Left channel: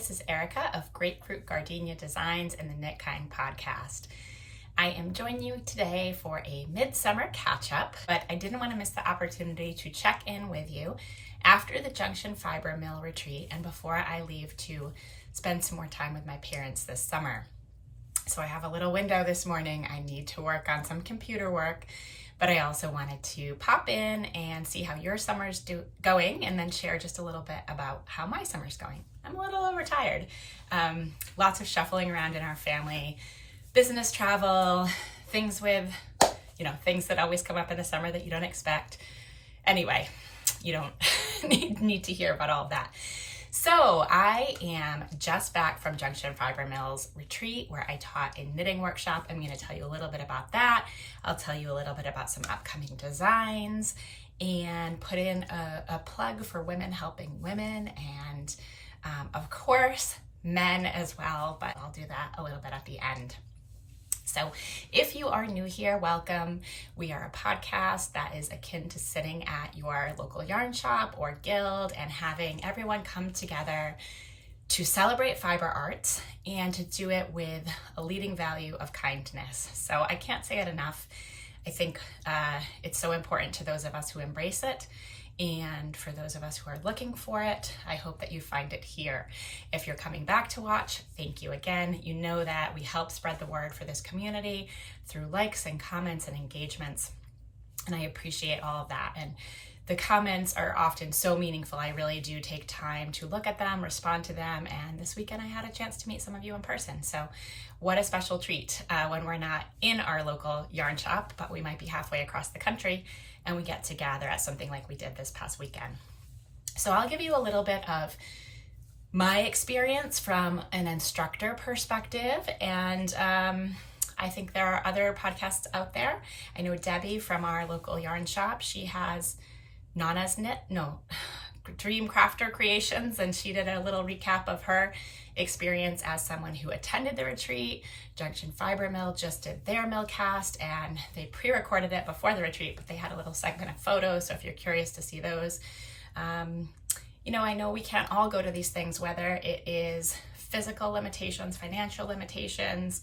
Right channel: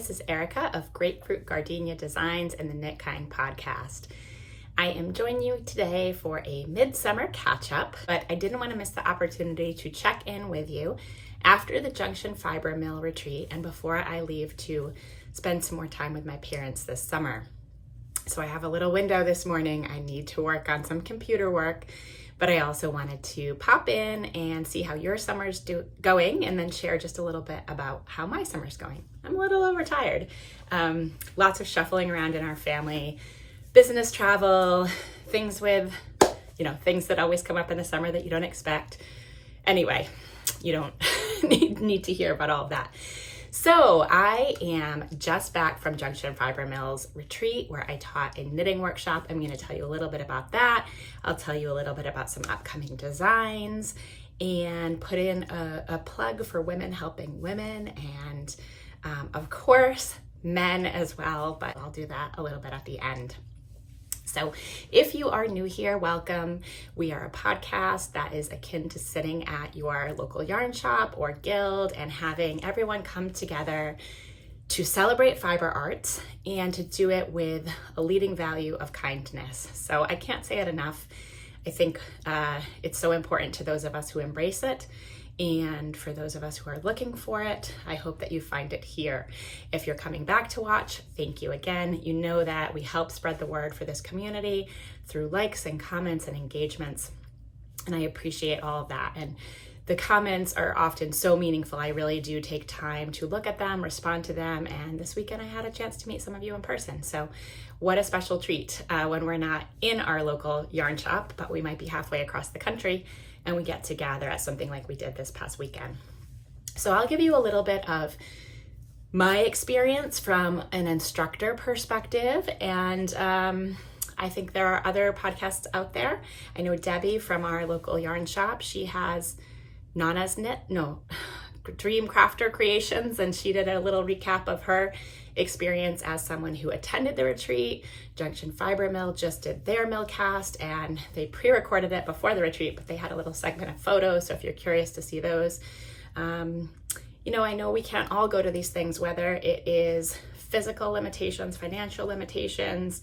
this is Erika of Grapefruit Gardenia Designs and the Knit Kind podcast. I am joining you today for a midsummer catch-up, but I didn't want to miss the opportunity to check in with you after the Junction Fiber Mill retreat and before I leave to spend some more time with my parents this summer. So I have a little window this morning. I need to work on some computer work, but I also wanted to pop in and see how your summer's going and then share just a little bit about how my summer's going. I'm a little overtired. Lots of shuffling around in our family, business travel, things with, things that always come up in the summer that you don't expect. Anyway, you don't need to hear about all of that. So I am just back from Junction Fiber Mill's retreat where I taught a knitting workshop. I'm going to tell you a little bit about that. I'll tell you a little bit about some upcoming designs and put in a plug for women helping women and of course men as well, but I'll do that a little bit at the end. So if you are new here, welcome. We are a podcast that is akin to sitting at your local yarn shop or guild and having everyone come together to celebrate fiber arts and to do it with a leading value of kindness. So I can't say it enough. I think it's so important to those of us who embrace it. And for those of us who are looking for it, I hope that you find it here. If you're coming back to watch, thank you again. You know that we help spread the word for this community through likes and comments and engagements. And I appreciate all of that. And the comments are often so meaningful. I really do take time to look at them, respond to them. And this weekend I had a chance to meet some of you in person. So what a special treat when we're not in our local yarn shop, but we might be halfway across the country and we get to gather at something like we did this past weekend. So I'll give you a little bit of my experience from an instructor perspective, and I think there are other podcasts out there. I know Debbie from our local yarn shop, she has Dream Crafter Creations, and she did a little recap of her experience as someone who attended the retreat. Junction Fiber Mill just did their mill cast and they pre-recorded it before the retreat, but they had a little segment of photos. So if you're curious to see those, I know we can't all go to these things, whether it is physical limitations, financial limitations,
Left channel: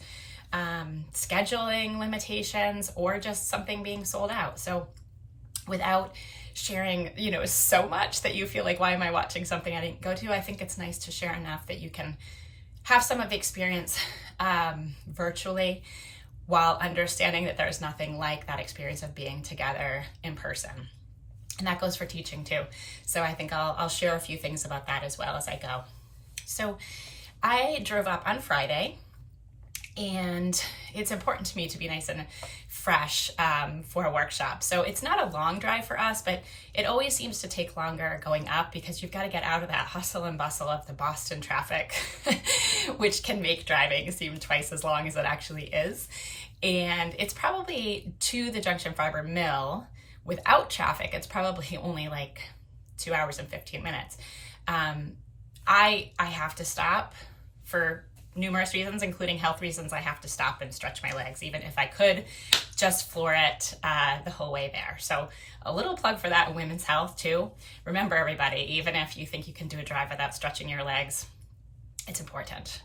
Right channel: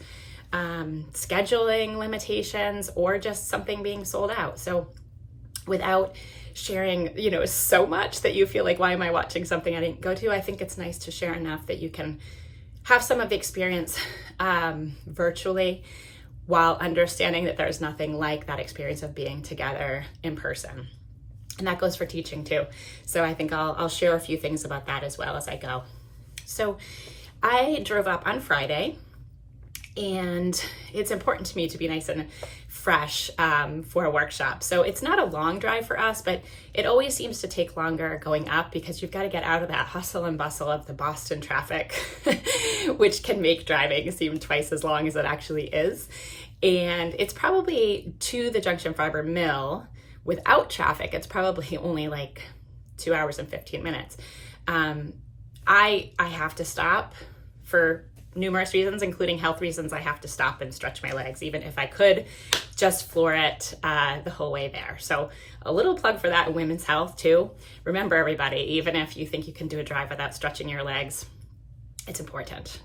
scheduling limitations, or just something being sold out. So without sharing, so much that you feel like, why am I watching something I didn't go to? I think it's nice to share enough that you can have some of the experience virtually while understanding that there's nothing like that experience of being together in person. And that goes for teaching too. So I think I'll share a few things about that as well as I go. So I drove up on Friday, and it's important to me to be nice and fresh for a workshop. So it's not a long drive for us, but it always seems to take longer going up because you've got to get out of that hustle and bustle of the Boston traffic, which can make driving seem twice as long as it actually is. And it's probably to the Junction Fiber Mill without traffic, it's probably only like 2 hours and 15 minutes. I have to stop for numerous reasons, including health reasons. I have to stop and stretch my legs, even if I could just floor it the whole way there. So a little plug for that in women's health too. Remember everybody, even if you think you can do a drive without stretching your legs, it's important.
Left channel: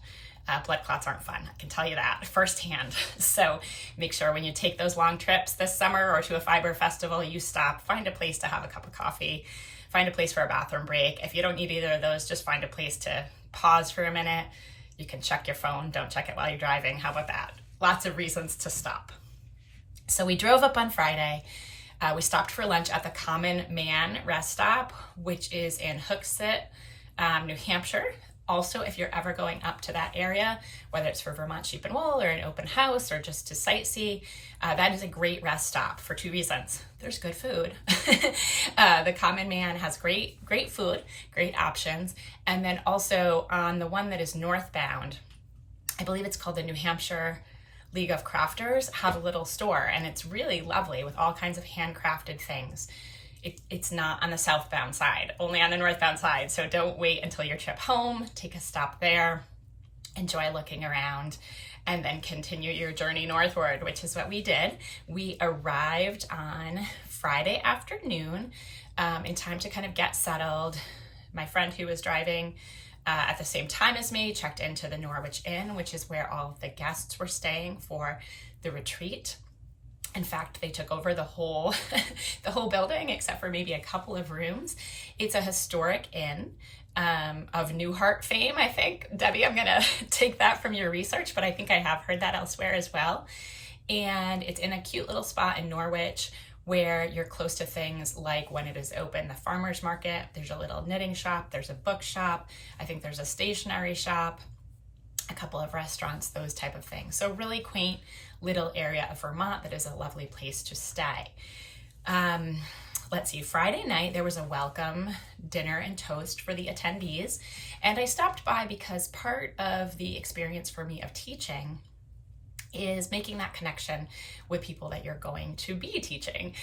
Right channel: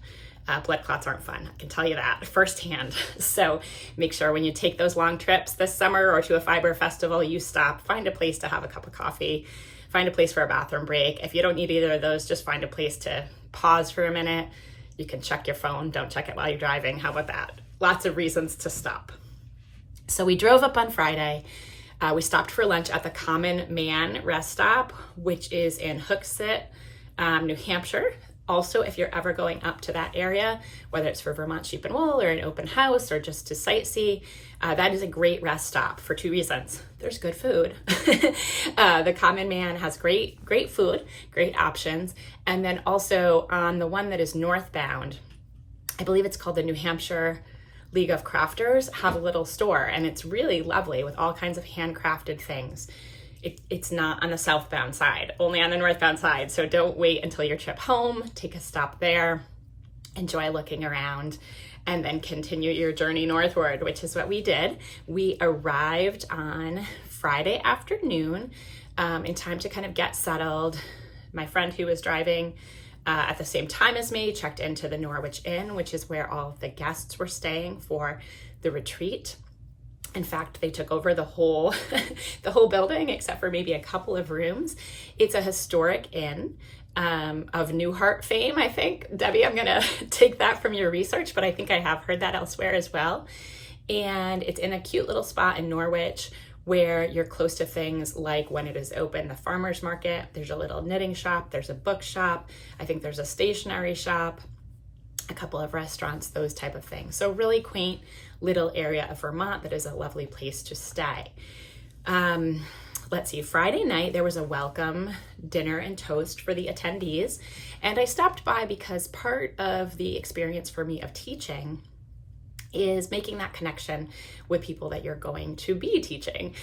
Blood clots aren't fun, I can tell you that firsthand. So make sure when you take those long trips this summer or to a fiber festival, you stop, find a place to have a cup of coffee, find a place for a bathroom break. If you don't need either of those, just find a place to pause for a minute. You can check your phone, don't check it while you're driving. How about that? Lots of reasons to stop. So we drove up on Friday. We stopped for lunch at the Common Man rest stop, which is in Hooksett, New Hampshire. Also, if you're ever going up to that area, whether it's for Vermont Sheep and Wool or an open house or just to sightsee, that is a great rest stop for two reasons. There's good food. The Common Man has great food, great options. And then also on the one that is northbound, I believe it's called the New Hampshire League of Crafters, have a little store, and it's really lovely with all kinds of handcrafted things. It's not on the southbound side, only on the northbound side. So don't wait until your trip home. Take a stop there, enjoy looking around, and then continue your journey northward, which is what we did. We arrived on Friday afternoon in time to kind of get settled. My friend who was driving at the same time as me, checked into the Norwich Inn, which is where all of the guests were staying for the retreat. In fact, they took over the whole the whole building except for maybe a couple of rooms. It's a historic inn of Newhart fame, I think. Debbie, I'm gonna take that from your research, but I think I have heard that elsewhere as well. And it's in a cute little spot in Norwich where you're close to things like, when it is open, the farmer's market. There's a little knitting shop, there's a bookshop, I think there's a stationery shop, a couple of restaurants, those type of things. So really quaint little area of Vermont that is a lovely place to stay. Let's see, Friday night there was a welcome dinner and toast for the attendees, and I stopped by because part of the experience for me of teaching is making that connection with people that you're going to be teaching,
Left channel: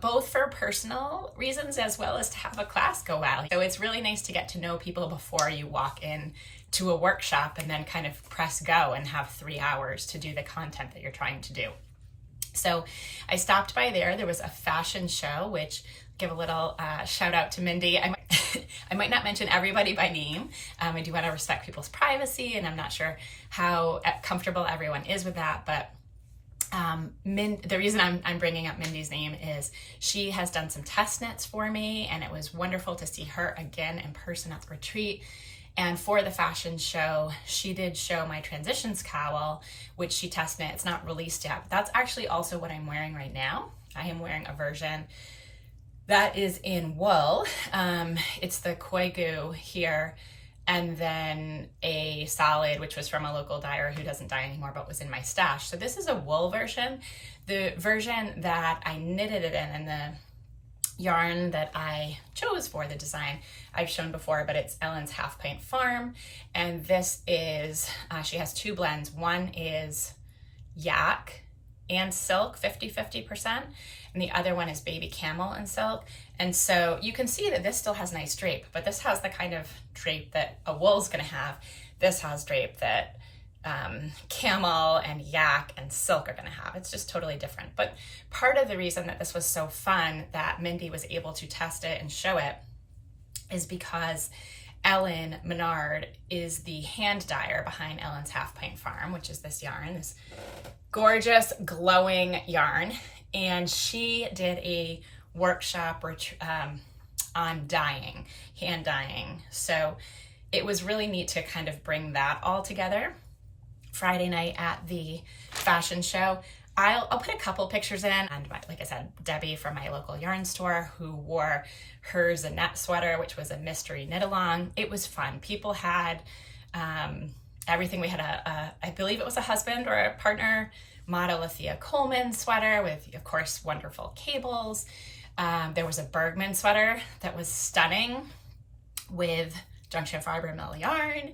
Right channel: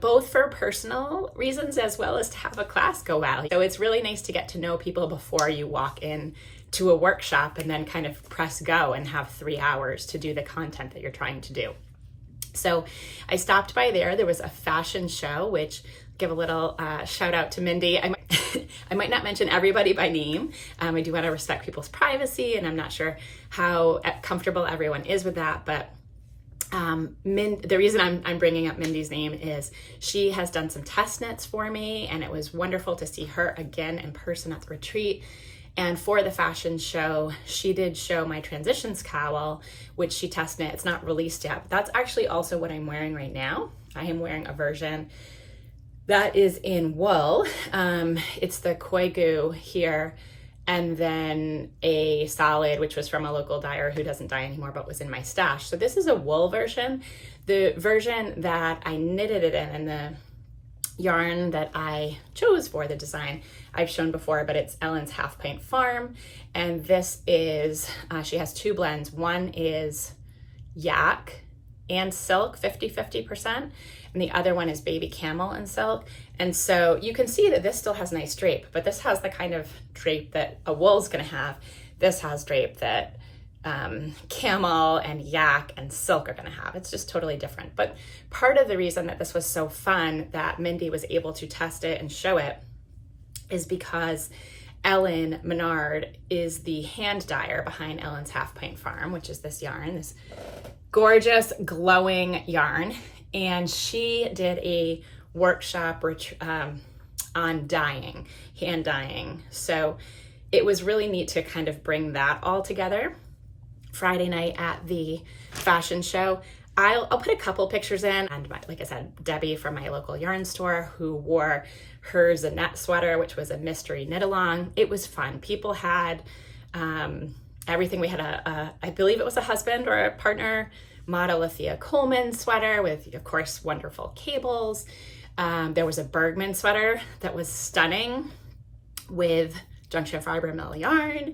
both for personal reasons as well as to have a class go well. So it's really nice to get to know people before you walk in to a workshop and then kind of press go and have 3 hours to do the content that you're trying to do. So I stopped by there. There was a fashion show, which give a little shout out to Mindy. I might not mention everybody by name. I do want to respect people's privacy, and I'm not sure how comfortable everyone is with that, but the reason I'm bringing up Mindy's name is she has done some test knits for me, and it was wonderful to see her again in person at the retreat. And for the fashion show, she did show my transitions cowl, which she test knit. It's not released yet, but that's actually also what I'm wearing right now. I am wearing a version that is in wool. It's the koigu here, and then a solid, which was from a local dyer who doesn't dye anymore, but was in my stash. So this is a wool version. The version that I knitted it in, and the yarn that I chose for the design, I've shown before, but it's Ellen's Half Pint Farm. And this is, she has two blends. One is yak and silk, 50-50%. And the other one is baby camel and silk. And so you can see that this still has nice drape, but this has the kind of drape that a wool's gonna have. This has drape that camel and yak and silk are gonna have. It's just totally different. But part of the reason that this was so fun that Mindy was able to test it and show it is because Ellen Menard is the hand dyer behind Ellen's Half Pint Farm, which is this yarn, this gorgeous glowing yarn. And she did a workshop on dyeing, hand dyeing. So it was really neat to kind of bring that all together. Friday night at the fashion show, I'll put a couple pictures in, and like I said, Debbie from my local yarn store who wore her Zanette sweater, which was a mystery knit along. It was fun. People had everything. We had I believe it was a husband or a partner model Althea Coleman sweater with, of course, wonderful cables. There was a Bergman sweater that was stunning with Junction fiber mill yarn.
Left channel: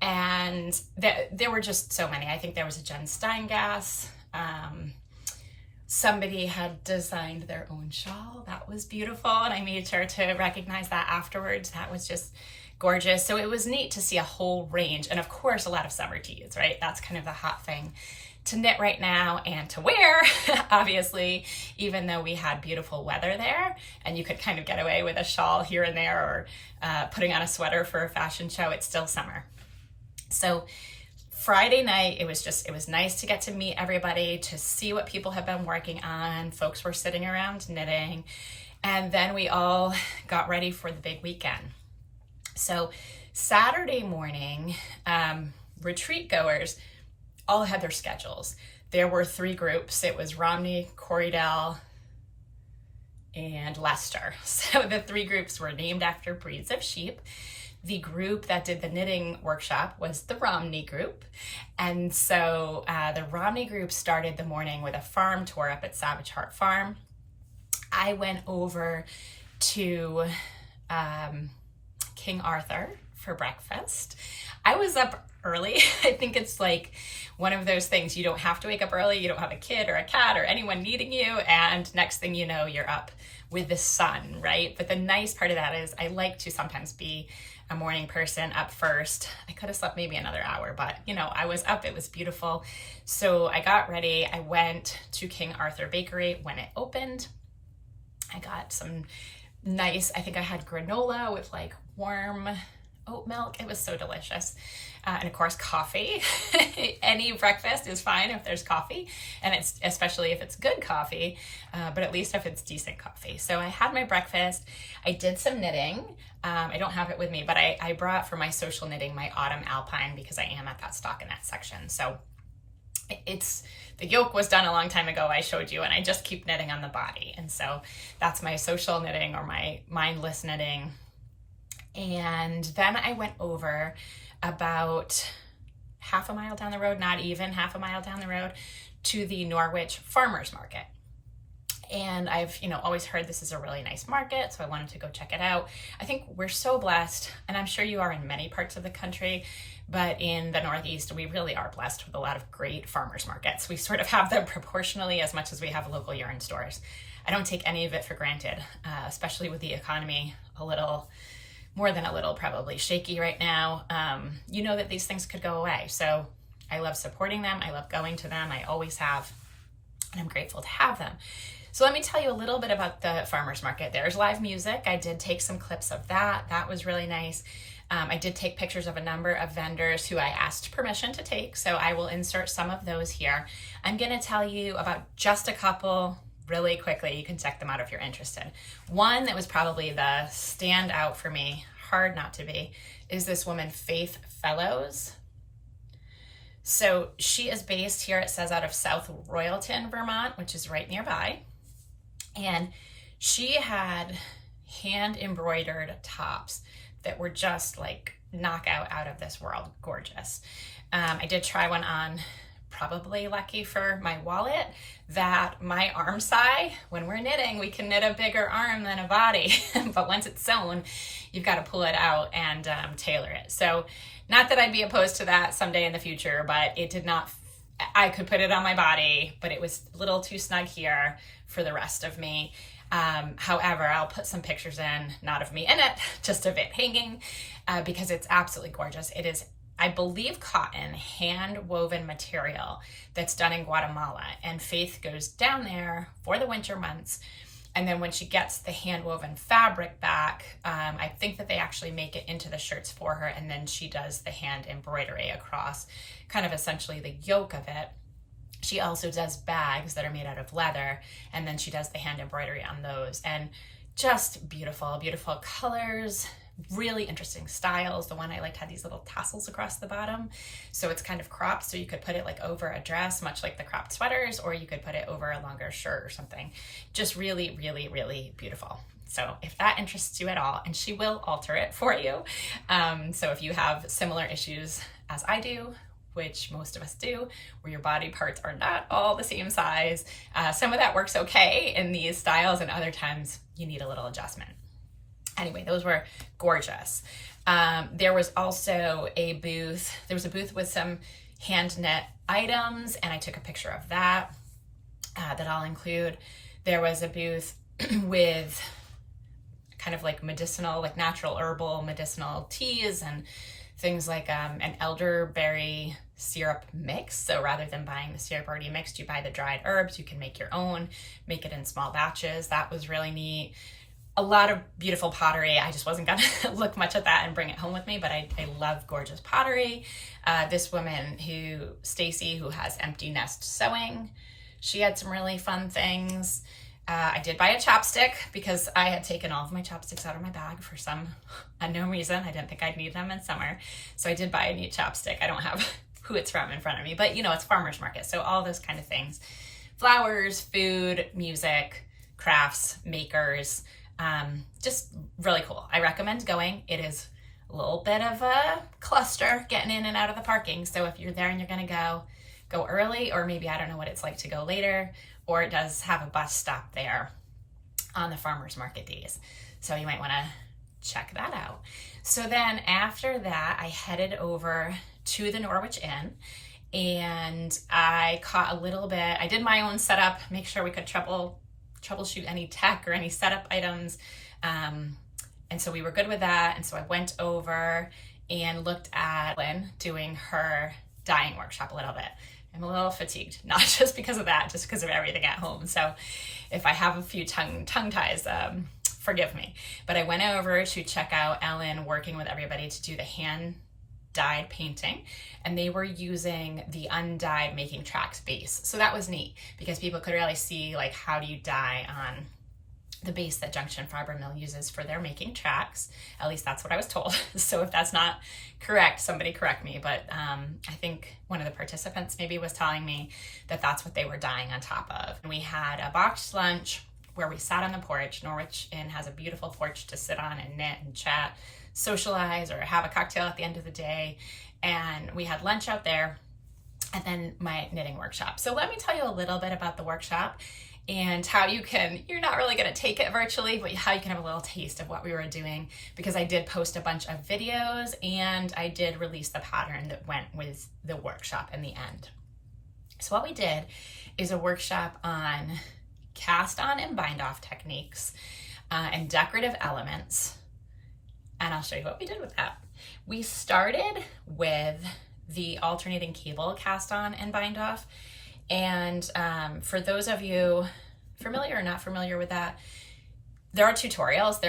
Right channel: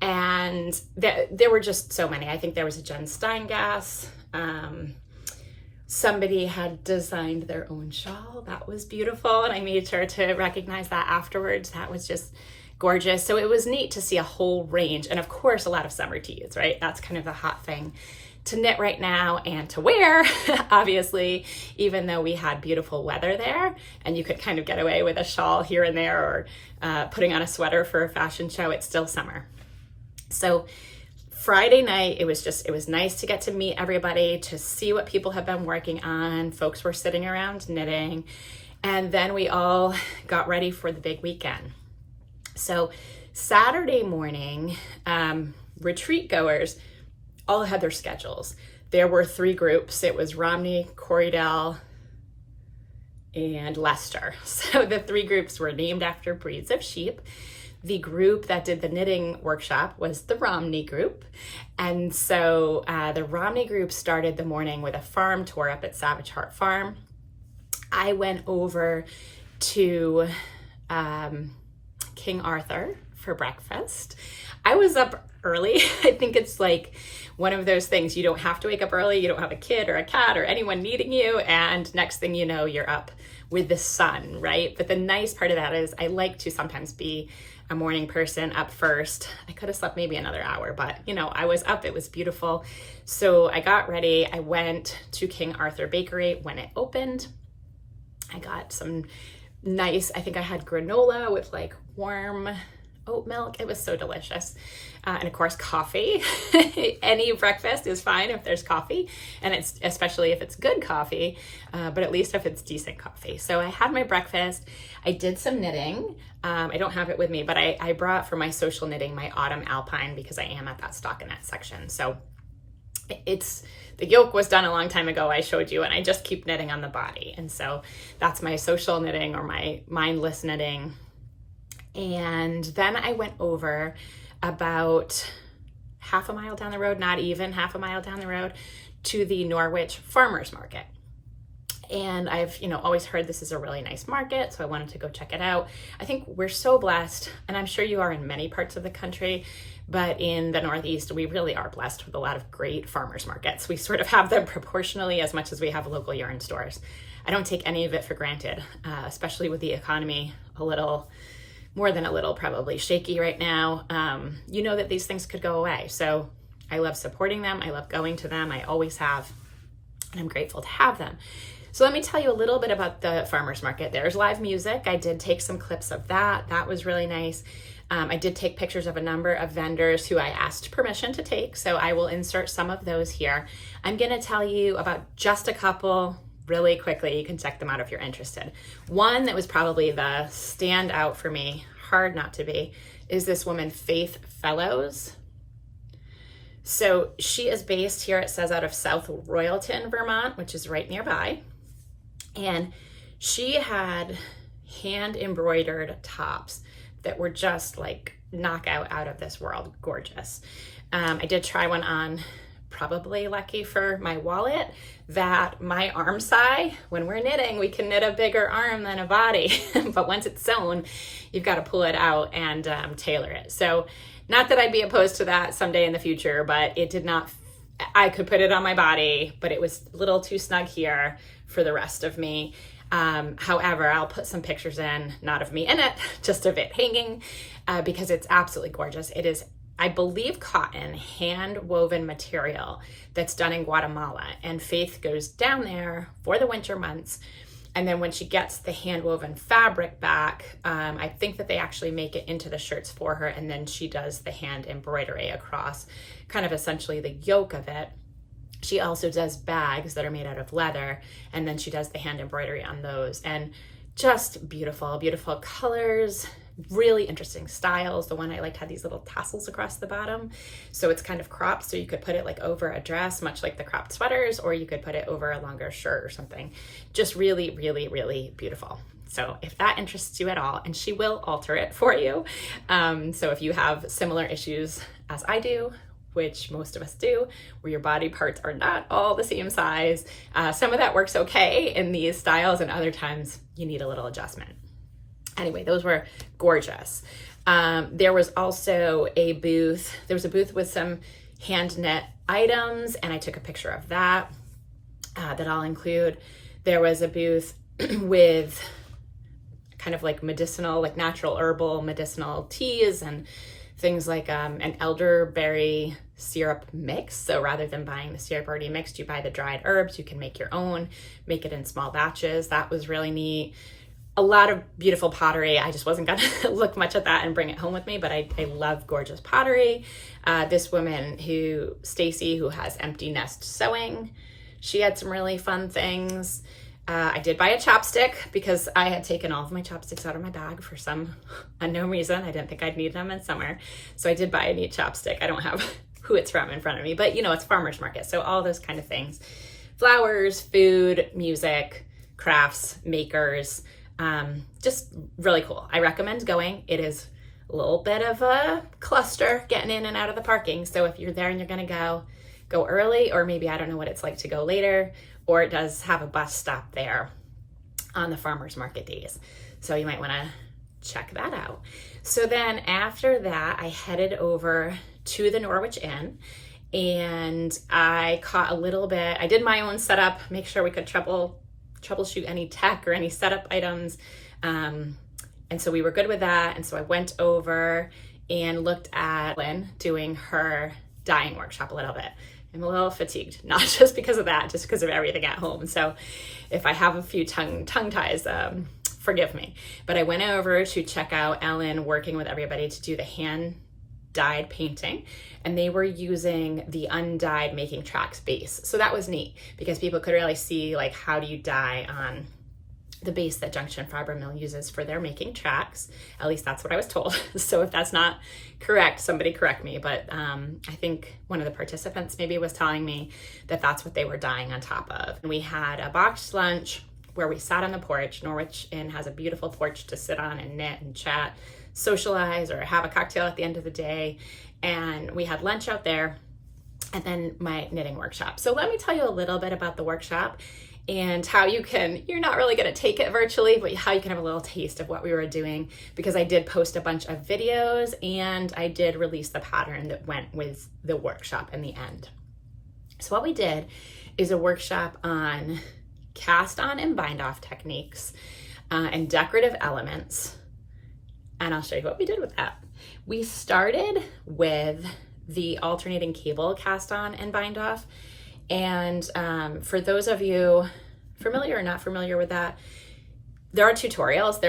And there were just so many. I think there was a Jen Steingass. Somebody had designed their own shawl. That was beautiful. And I made sure to recognize that afterwards. That was just gorgeous. So it was neat to see a whole range. And of course, a lot of summer tees, right? That's kind of the hot thing to knit right now and to wear, obviously, even though we had beautiful weather there and you could kind of get away with a shawl here and there or putting on a sweater for a fashion show, it's still summer. So Friday night, it was nice to get to meet everybody, to see what people have been working on. Folks were sitting around knitting, and then we all got ready for the big weekend. So Saturday morning, retreat goers all had their schedules. There were 3 groups. It was Romney, Corriedale, and Leicester. So the 3 groups were named after breeds of sheep. The group that did the knitting workshop was the Romney group. And so the Romney group started the morning with a farm tour up at Savage Heart Farm. I went over to King Arthur for breakfast. I was up early. I think it's like one of those things, you don't have to wake up early, you don't have a kid or a cat or anyone needing you, and next thing you know, you're up with the sun, right? But the nice part of that is I like to sometimes be a morning person up first. I could have slept maybe another hour, but you know, I was up, it was beautiful. So I got ready, I went to King Arthur Bakery when it opened. I got some nice, I think I had granola with like warm oat milk. It was so delicious. And of course, coffee. Any breakfast is fine if there's coffee, and it's especially if it's good coffee, but at least if it's decent coffee. So I had my breakfast. I did some knitting. I don't have it with me, but I brought for my social knitting my autumn alpine because I am at that stockinette section. So the yoke was done a long time ago, I showed you, and I just keep knitting on the body. And so that's my social knitting or my mindless knitting. And then I went over about half a mile down the road, not even half a mile down the road, to the Norwich Farmers Market. And I've, always heard this is a really nice market, so I wanted to go check it out. I think we're so blessed, and I'm sure you are in many parts of the country, but in the Northeast, we really are blessed with a lot of great farmers markets. We sort of have them proportionally as much as we have local yarn stores. I don't take any of it for granted, especially with the economy a little, more than a little, probably shaky right now. That these things could go away. So I love supporting them. I love going to them. I always have, and I'm grateful to have them. So let me tell you a little bit about the farmers market. There's live music. I did take some clips of that. That was really nice. I did take pictures of a number of vendors who I asked permission to take, so I will insert some of those here. I'm gonna tell you about just a couple really quickly. You can check them out if you're interested. One that was probably the standout for me, hard not to be, is this woman, Faith Fellows. So she is based here, it says, out of South Royalton, Vermont, which is right nearby. And she had hand embroidered tops that were just like knockout out of this world, gorgeous. I did try one on, probably lucky for my wallet, that my arm size, when we're knitting, we can knit a bigger arm than a body, but once it's sewn, you've got to pull it out and tailor it. So not that I'd be opposed to that someday in the future, but it did not, I could put it on my body, but it was a little too snug here for the rest of me. However, I'll put some pictures in, not of me in it, just of it hanging, because it's absolutely gorgeous. It is, I believe, cotton, hand woven material that's done in Guatemala. And Faith goes down there for the winter months. And then when she gets the hand woven fabric back, I think that they actually make it into the shirts for her. And then she does the hand embroidery across kind of essentially the yoke of it. She also does bags that are made out of leather, and then she does the hand embroidery on those. And just beautiful, beautiful colors, really interesting styles. The one I liked had these little tassels across the bottom. So it's kind of cropped, so you could put it like over a dress, much like the cropped sweaters, or you could put it over a longer shirt or something. Just really, really, really beautiful. So if that interests you at all, and she will alter it for you. So if you have similar issues as I do, which most of us do, where your body parts are not all the same size, some of that works okay in these styles, and other times you need a little adjustment. Anyway, those were gorgeous. There was also a booth. There was a booth with some hand knit items, and I took a picture of that, that I'll include. There was a booth with kind of like medicinal, like natural herbal medicinal teas and things like an elderberry syrup mix. So rather than buying the syrup already mixed, you buy the dried herbs. You can make your own, make it in small batches. That was really neat. A lot of beautiful pottery. I just wasn't gonna look much at that and bring it home with me, but I love gorgeous pottery. This woman Stacy, who has Empty Nest Sewing, she had some really fun things. I did buy a chopstick because I had taken all of my chopsticks out of my bag for some unknown reason. I didn't think I'd need them in summer. So I did buy a neat chopstick. I don't have who it's from in front of me, but it's farmers market. So all those kind of things, flowers, food, music, crafts, makers, just really cool. I recommend going. It is a little bit of a cluster getting in and out of the parking. So if you're there and you're gonna go early, or maybe I don't know what it's like to go later, or it does have a bus stop there on the farmers market days. So you might wanna check that out. So then after that, I headed over to the Norwich Inn, and I caught a little bit, I did my own setup, make sure we could troubleshoot any tech or any setup items. And so we were good with that. And so I went over and looked at Lynn doing her dyeing workshop a little bit. I'm a little fatigued, not just because of that, just because of everything at home. So if I have a few tongue ties, forgive me. But I went over to check out Ellen working with everybody to do the hand dyed painting, and they were using the undyed Making Tracks base. So that was neat because people could really see like how do you dye on the base that Junction Fiber Mill uses for their Making Tracks. At least that's what I was told. So if that's not correct, somebody correct me. But I think one of the participants maybe was telling me that that's what they were dyeing on top of. And we had a boxed lunch where we sat on the porch. Norwich Inn has a beautiful porch to sit on and knit and chat, socialize, or have a cocktail at the end of the day. And we had lunch out there and then my knitting workshop. So let me tell you a little bit about the workshop and how you can, you're not really gonna take it virtually, but how you can have a little taste of what we were doing, because I did post a bunch of videos and I did release the pattern that went with the workshop in the end. So what we did is a workshop on cast on and bind off techniques and decorative elements. And I'll show you what we did with that. We started with the alternating cable cast on and bind off. And for those of you familiar or not familiar with that, there are tutorials.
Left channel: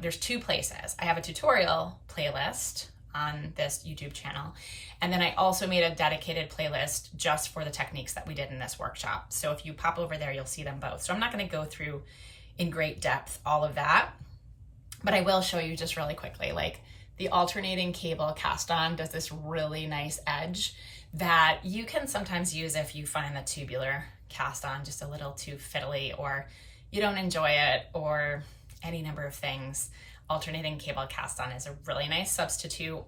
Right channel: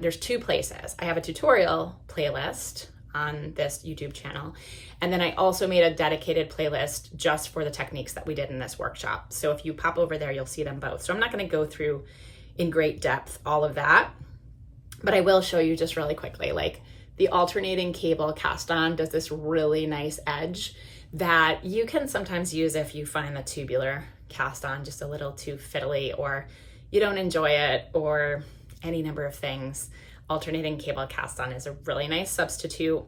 There's two places. I have a tutorial playlist on this YouTube channel. And then I also made a dedicated playlist just for the techniques that we did in this workshop. So if you pop over there, you'll see them both. So I'm not gonna go through in great depth all of that, but I will show you just really quickly. Like the alternating cable cast on does this really nice edge that you can sometimes use if you find the tubular cast on just a little too fiddly, or you don't enjoy it, or any number of things. Alternating cable cast on is a really nice substitute.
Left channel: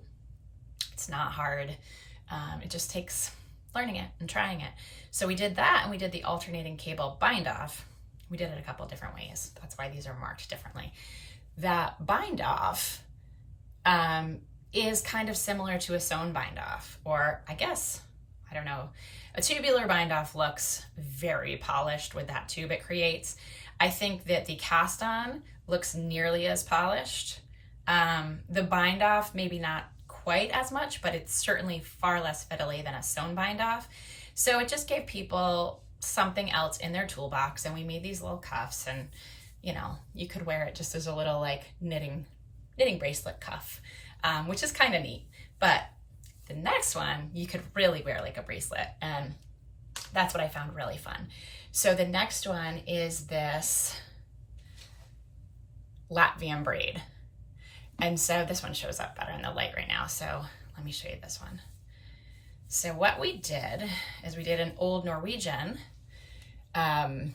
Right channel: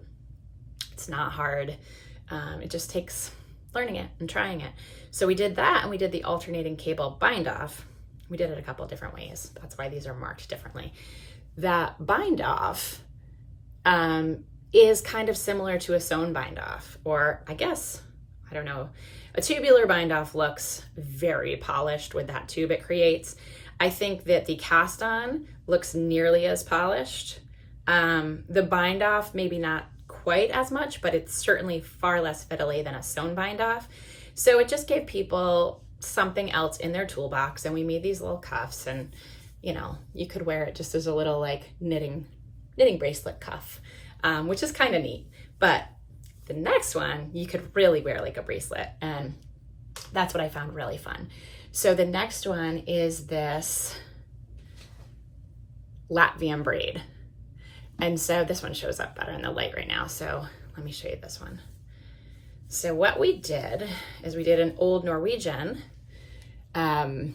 It's not hard. It just takes learning it and trying it. So we did that, and we did the alternating cable bind off. We did it a couple different ways. That's why these are marked differently. That bind off is kind of similar to a sewn bind off, or I guess, I don't know, a tubular bind off looks very polished with that tube it creates. I think that the cast on looks nearly as polished. The bind off, maybe not quite as much, but it's certainly far less fiddly than a sewn bind off. So it just gave people something else in their toolbox, and we made these little cuffs, and you know, you could wear it just as a little like knitting bracelet cuff. Which is kind of neat. But the next one, you could really wear like a bracelet, and that's what I found really fun. So the next one is this Latvian braid. And so this one shows up better in the light right now. So let me show you this one. So what we did is we did an Old Norwegian or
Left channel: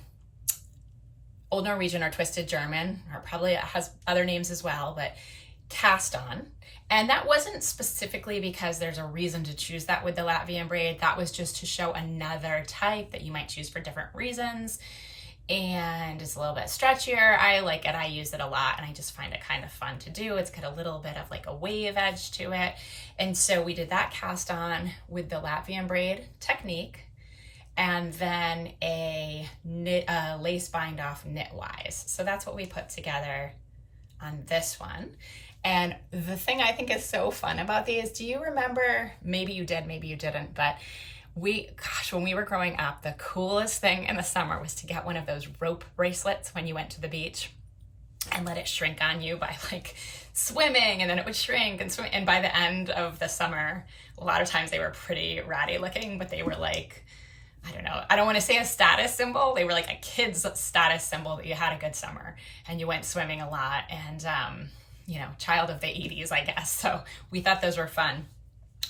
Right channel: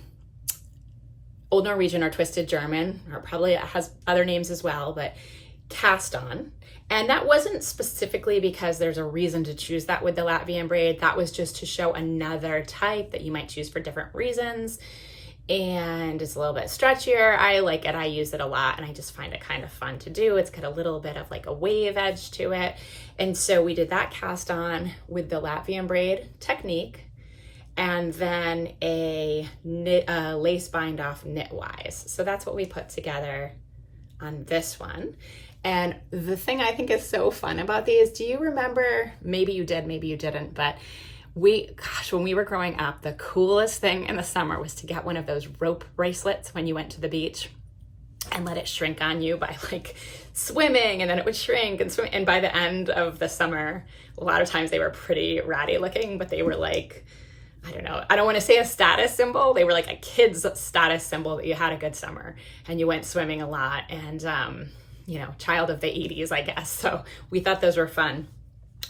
Twisted German, or probably it has other names as well, but cast on. And that wasn't specifically because there's a reason to choose that with the Latvian braid. That was just to show another type that you might choose for different reasons. And it's a little bit stretchier. I like it. I use it a lot, and I just find it kind of fun to do. It's got a little bit of like a wave edge to it. And so we did that cast on with the Latvian braid technique, and then a lace bind off knitwise. So that's what we put together on this one. And the thing I think is so fun about these, do you remember, maybe you did, maybe you didn't, but when we were growing up, the coolest thing in the summer was to get one of those rope bracelets when you went to the beach and let it shrink on you by like swimming, and then it would shrink and swim. And by the end of the summer, a lot of times they were pretty ratty looking, but they were like, I don't know, I don't want to say a status symbol. They were like a kid's status symbol that you had a good summer and you went swimming a lot, and you know, child of the 80s, I guess. So we thought those were fun.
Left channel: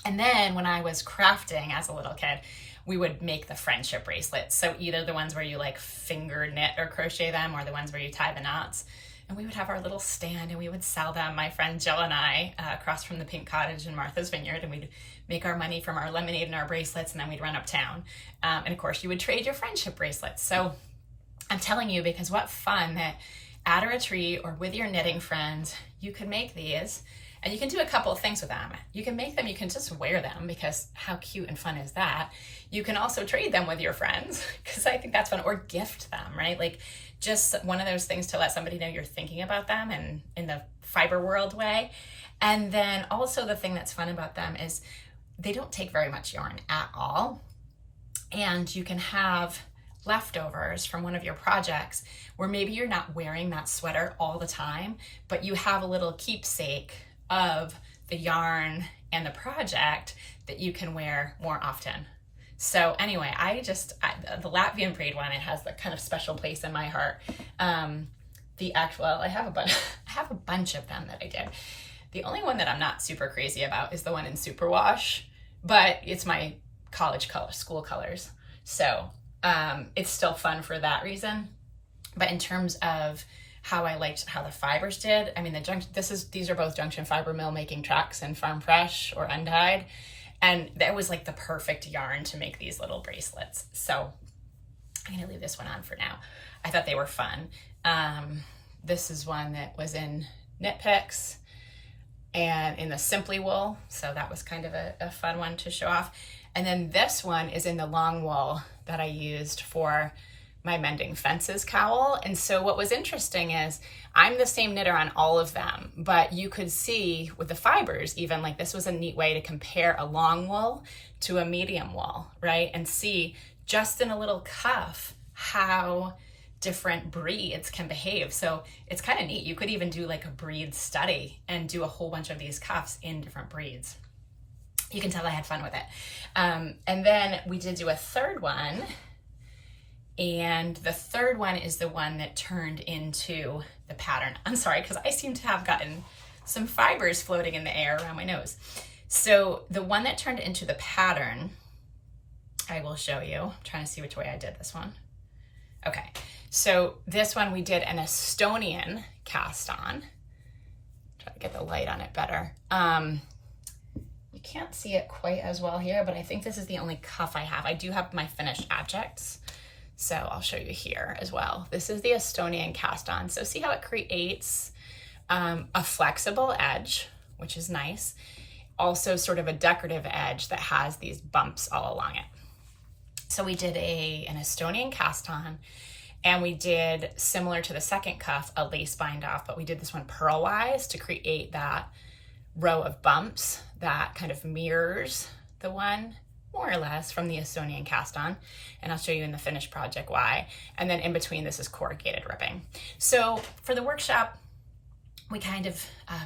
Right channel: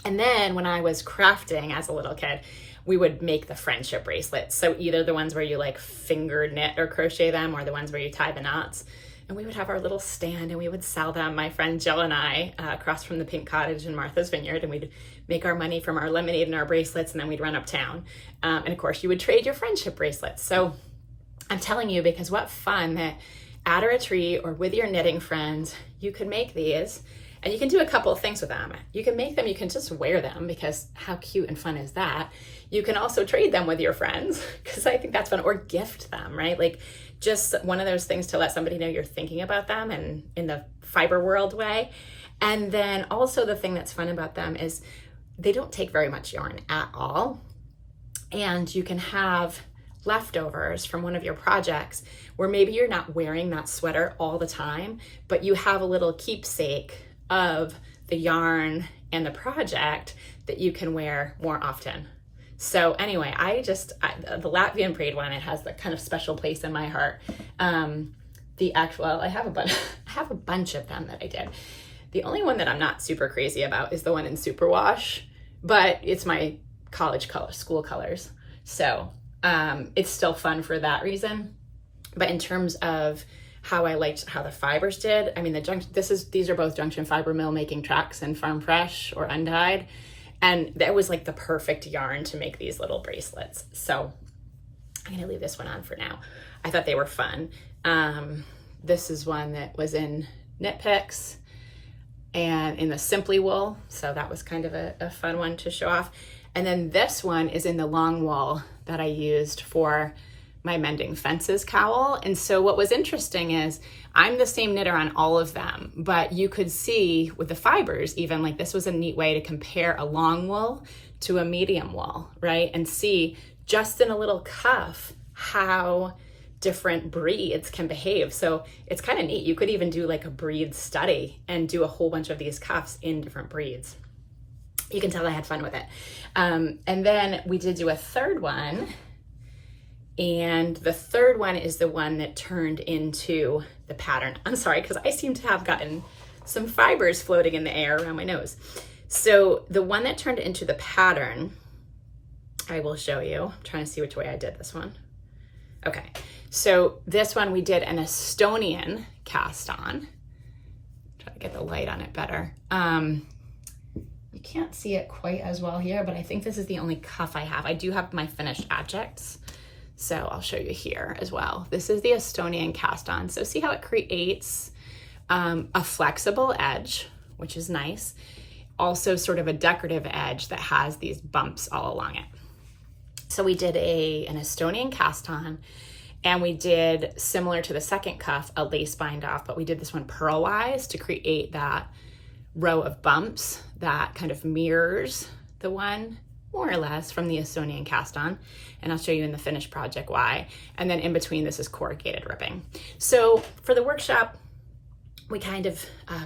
And then when I was crafting as a little kid, we would make the friendship bracelets. So either the ones where you like finger knit or crochet them, or the ones where you tie the knots. And we would have our little stand and we would sell them, my friend Jill and I, across from the Pink Cottage in Martha's Vineyard, and we'd make our money from our lemonade and our bracelets, and then we'd run uptown. And of course you would trade your friendship bracelets. So I'm telling you, because what fun that at a retreat or with your knitting friends, you could make these, and you can do a couple of things with them. You can make them, you can just wear them, because how cute and fun is that? You can also trade them with your friends, because I think that's fun, or gift them, right? Like just one of those things to let somebody know you're thinking about them, and in the fiber world way. And then also the thing that's fun about them is they don't take very much yarn at all. And you can have leftovers from one of your projects where maybe you're not wearing that sweater all the time, but you have a little keepsake of the yarn and the project that you can wear more often. So anyway, the Latvian braid one, it has the kind of special place in my heart. I have a bunch of them that I did. The only one that I'm not super crazy about is the one in superwash, but it's my college color, school colors. So it's still fun for that reason. But in terms of how I liked how the fibers did, I mean, these are both Junction Fiber Mill making tracks and Farm Fresh or undyed. And that was like the perfect yarn to make these little bracelets. So I'm gonna leave this one on for now. I thought they were fun. This is one that was in Knit Picks and in the Simply Wool. So that was kind of a fun one to show off. And then this one is in the long wool that I used for my Mending Fences cowl. And so what was interesting is I'm the same knitter on all of them, but you could see with the fibers, even like this was a neat way to compare a long wool to a medium wool, right? And see just in a little cuff how different breeds can behave. So it's kind of neat. You could even do like a breed study and do a whole bunch of these cuffs in different breeds. You can tell I had fun with it. And then we did do a third one. And the third one is the one that turned into the pattern. I'm sorry, because I seem to have gotten some fibers floating in the air around my nose. So the one that turned into the pattern, I will show you. I'm trying to see which way I did this one. Okay, so this one we did an Estonian cast on. Try to get the light on it better. You can't see it quite as well here, but I think this is the only cuff I have. I do have my finished objects. So I'll show you here as well. This is the Estonian cast on. So see how it creates a flexible edge, which is nice. Also sort of a decorative edge that has these bumps all along it. So we did an Estonian cast on, and we did, similar to the second cuff, a lace bind off, but we did this one purlwise to create that row of bumps that kind of mirrors the one more or less from the Estonian cast on. And I'll show you in the finished project why. And then in between, this is corrugated ribbing. So for the workshop, we kind of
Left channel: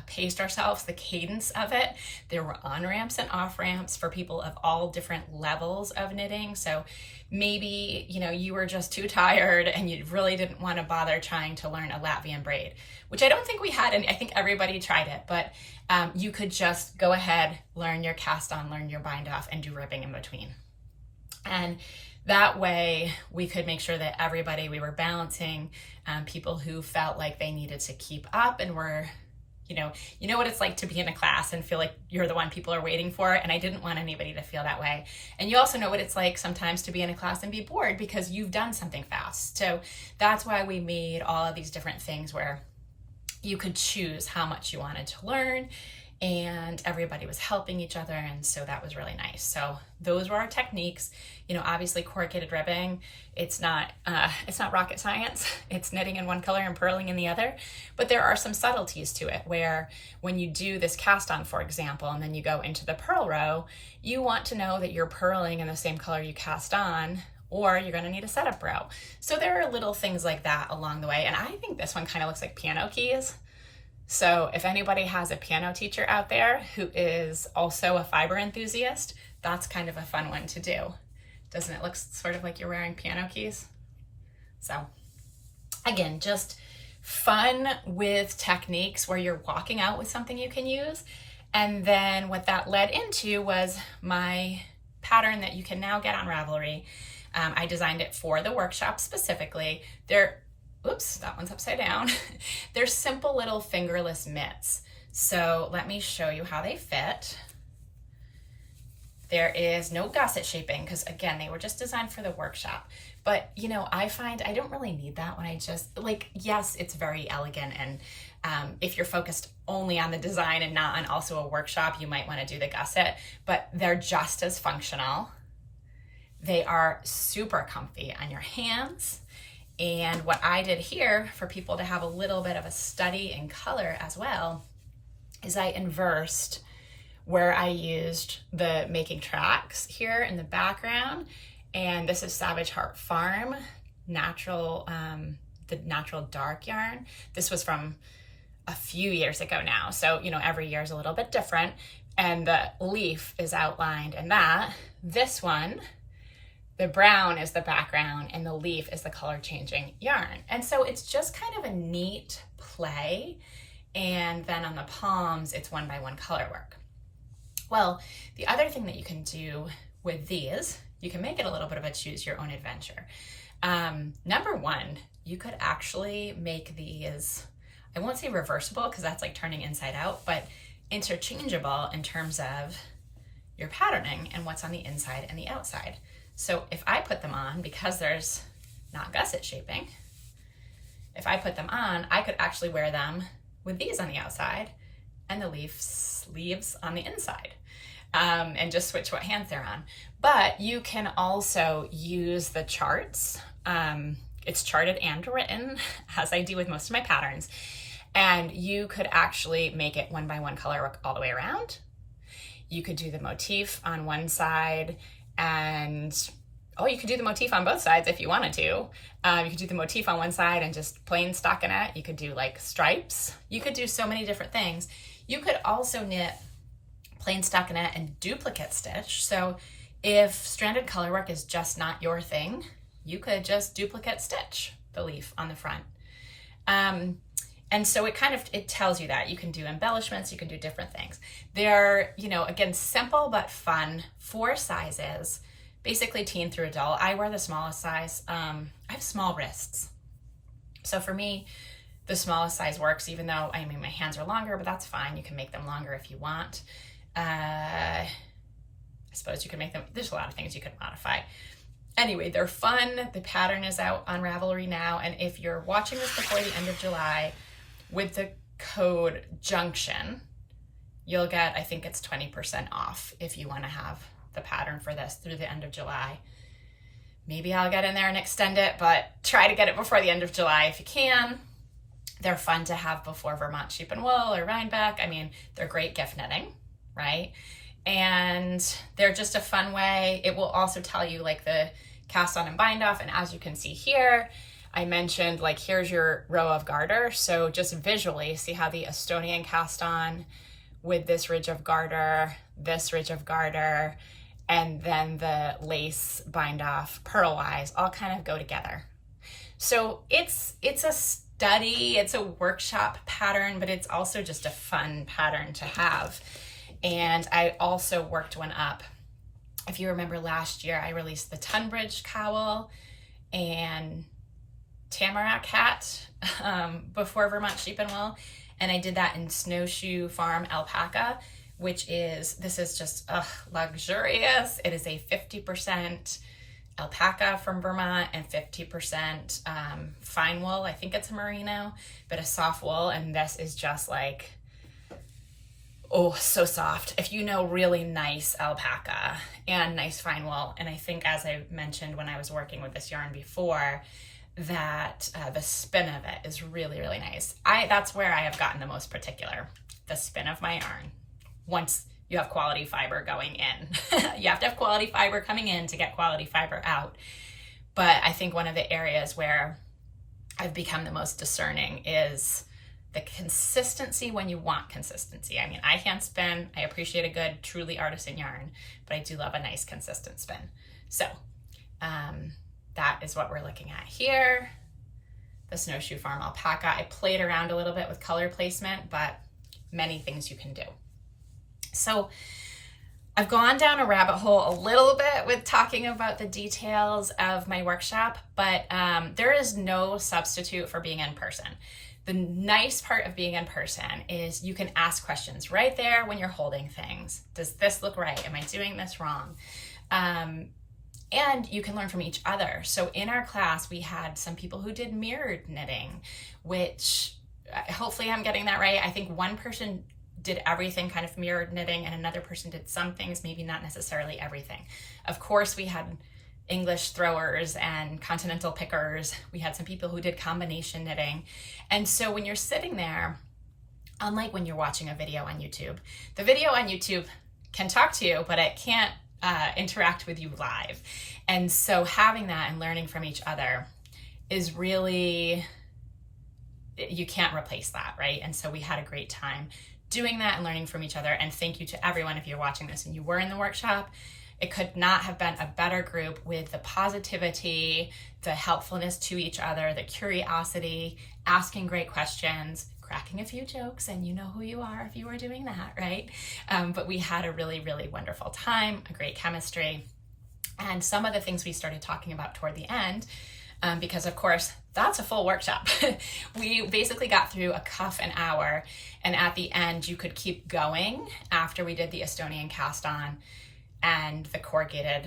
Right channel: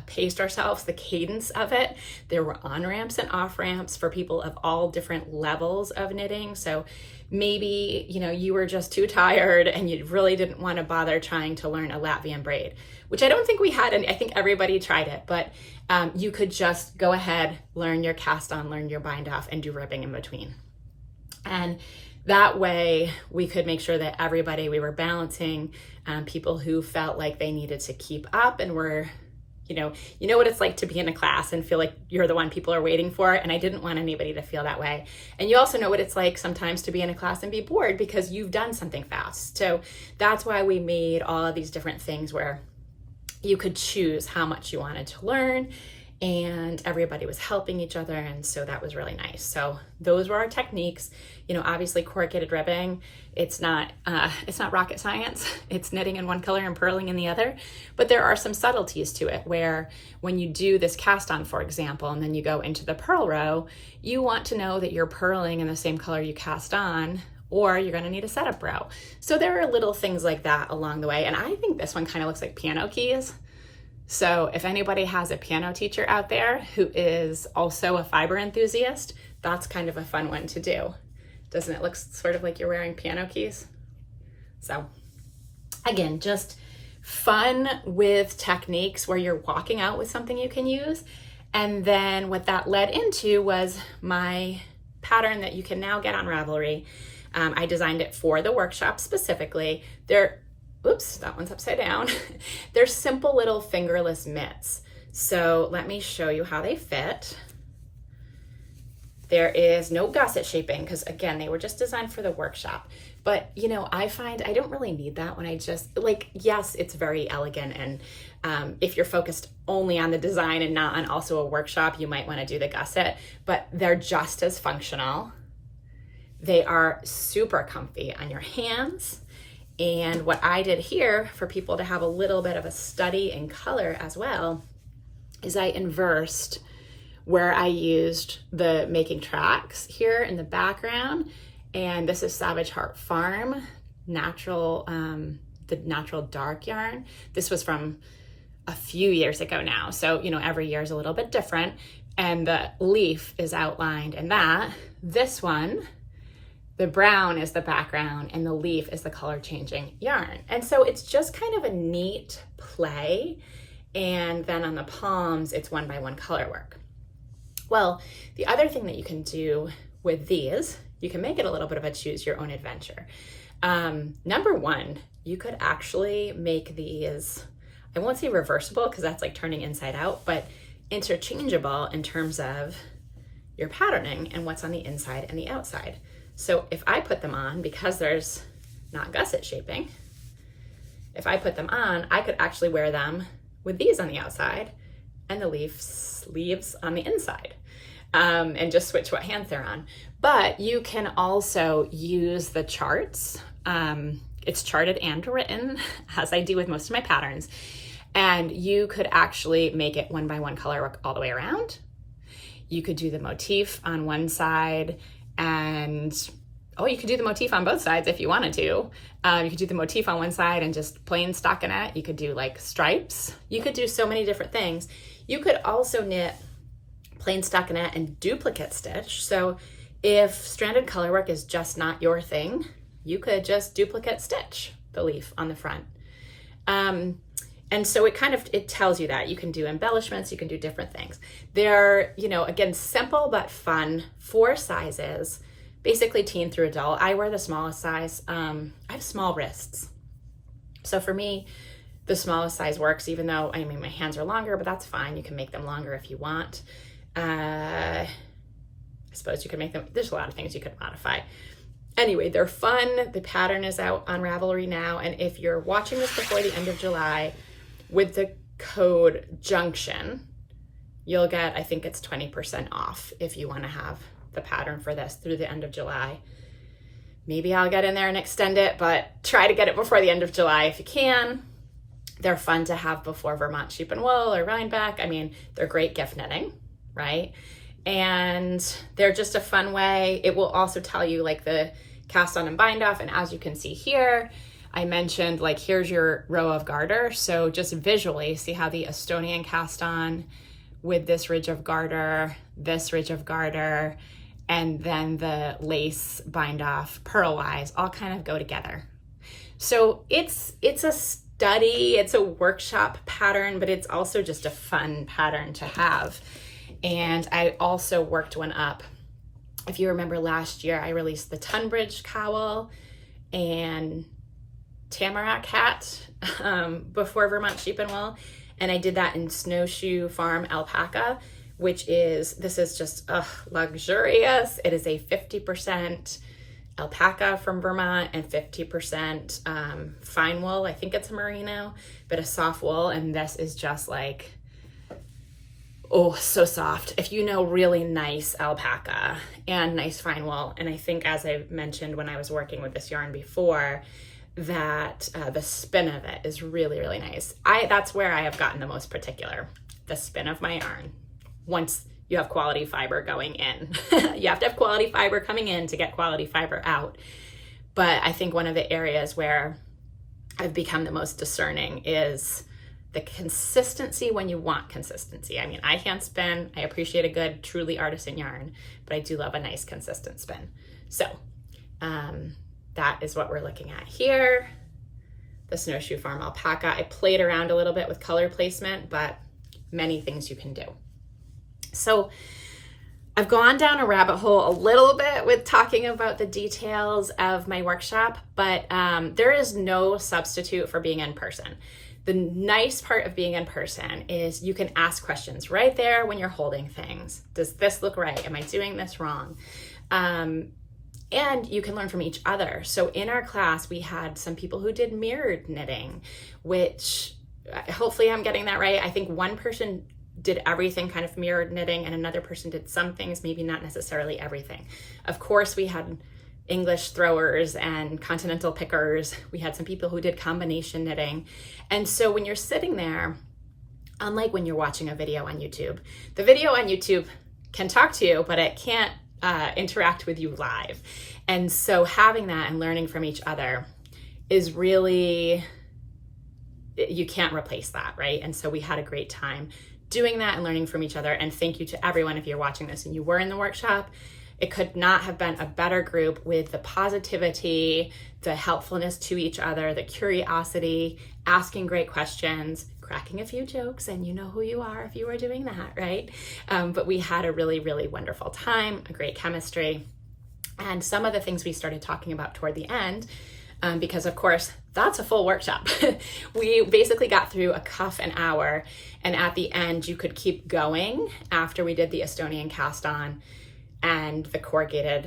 paced ourselves, the cadence of it. There were on-ramps and off-ramps for people of all different levels of knitting. So maybe, you were just too tired and you really didn't want to bother trying to learn a Latvian braid, which I don't think we had, and I think everybody tried it, but you could just go ahead, learn your cast on, learn your bind off, and do ribbing in between. And that way we could make sure that we were balancing people who felt like they needed to keep up and were, you know what it's like to be in a class and feel like you're the one people are waiting for. And I didn't want anybody to feel that way. And you also know what it's like sometimes to be in a class and be bored because you've done something fast. So that's why we made all of these different things where you could choose how much you wanted to learn, and everybody was helping each other. And so that was really nice. So those were our techniques. Obviously corrugated ribbing, it's not rocket science. It's knitting in one color and purling in the other, but there are some subtleties to it where when you do this cast on, for example, and then you go into the purl row, you want to know that you're purling in the same color you cast on, or you're going to need a setup row. So there are little things like that along the way. And I think this one kind of looks like piano keys. So if anybody has a piano teacher out there who is also a fiber enthusiast, that's kind of a fun one to do. Doesn't it look sort of like you're wearing piano keys? So again, just fun with techniques where you're walking out with something you can use. And then what that led into was my pattern that you can now get on Ravelry. I designed it for the workshop specifically. Oops, that one's upside down. They're simple little fingerless mitts. So let me show you how they fit. There is no gusset shaping because again, they were just designed for the workshop. But I find I don't really need that when I just yes, it's very elegant. And if you're focused only on the design and not on also a workshop, you might want to do the gusset, but they're just as functional. They are super comfy on your hands. And what I did here for people to have a little bit of a study in color as well is I inversed where I used the making tracks here in the background And this is Savage Heart Farm, natural, the natural dark yarn. This was from a few years ago now. So, you know, every year is a little bit different. And the leaf is outlined in that. This one, the brown is the background and the leaf is the color changing yarn. And so it's just kind of a neat play. And then on the palms, it's 1x1 color work. Well, the other thing that you can do with these, you can make it a little bit of a choose your own adventure. Number one, you could actually make these, I won't say reversible because that's like turning inside out, but interchangeable in terms of your patterning and what's on the inside and the outside. So if I put them on, because there's not gusset shaping, if I put them on, I could actually wear them with these on the outside and the leaves on the inside, and just switch what hands they're on. But you can also use the charts. It's charted and written, as I do with most of my patterns. And you could actually make it 1x1 color work all the way around. You could do the motif on one side and, oh, you could do the motif on both sides if you wanted to. You could do the motif on one side and just plain stockinette. You could do like stripes. You could do so many different things. You could also knit plain stockinette and duplicate stitch. So if stranded color work is just not your thing, you could just duplicate stitch the leaf on the front. And so it tells you that you can do embellishments, you can do different things. They're, you know, again, simple but fun, 4 sizes, basically teen through adult. I wear the smallest size. I have small wrists. So for me, the smallest size works, even though, I mean, my hands are longer, but that's fine. You can make them longer if you want. I suppose you can make them, there's a lot of things you could modify. Anyway, they're fun. The pattern is out on Ravelry now. And if you're watching this before the end of July, with the code Junction, you'll get, I think it's 20% off if you want to have the pattern for this through the end of July. Maybe I'll get in there and extend it, but try to get it before the end of July if you can. They're fun to have before Vermont Sheep and Wool or Rhinebeck. I mean, they're great gift knitting, right? And they're just a fun way. It will also tell you like the cast on and bind off. And as you can see here, I mentioned like, here's your row of garter. So just visually see how the Estonian cast on with this ridge of garter, this ridge of garter, and then the lace bind off purlwise all kind of go together. So it's a study, it's a workshop pattern, but it's also just a fun pattern to have. And I also worked one up. If you remember last year, I released the Tunbridge cowl and Tamarack hat before Vermont Sheep and Wool. And I did that in Snowshoe Farm alpaca, which is, this is just luxurious. It is a 50% alpaca from Vermont and 50% fine wool. I think it's a merino, but a soft wool. And this is just like, oh, so soft. If you know really nice alpaca and nice fine wool. And I think, as I mentioned when I was working with this yarn before, that the spin of it is really, really nice. That's where I have gotten the most particular, the spin of my yarn. Once you have quality fiber going in, you have to have quality fiber coming in to get quality fiber out. But I think one of the areas where I've become the most discerning is the consistency when you want consistency. I mean, I hand spin, I appreciate a good, truly artisan yarn, but I do love a nice consistent spin. So that is what we're looking at here. The Snowshoe Farm alpaca. I played around a little bit with color placement, but many things you can do. So I've gone down a rabbit hole a little bit with talking about the details of my workshop, but there is no substitute for being in person. The nice part of being in person is you can ask questions right there when you're holding things. Does this look right? Am I doing this wrong? And you can learn from each other. So in our class, we had some people who did mirrored knitting, which hopefully I'm getting that right. I think one person did everything kind of mirrored knitting and another person did some things, maybe not necessarily everything. Of course, we had English throwers and continental pickers. We had some people who did combination knitting. And so when you're sitting there, unlike when you're watching a video on YouTube, the video on YouTube can talk to you, but it can't interact with you live. And so having that and learning from each other is really, you can't replace that, right? And so we had a great time doing that and learning from each other. And thank you to everyone if you're watching this and you were in the workshop. It could not have been a better group with the positivity, the helpfulness to each other, the curiosity, asking great questions, cracking a few jokes, and you know who you are if you were doing that, right? But we had a really, really wonderful time, a great chemistry. And some of the things we started talking about toward the end, because of course, that's a full workshop. We basically got through a cuff an hour, and at the end, you could keep going after we did the Estonian cast on and the corrugated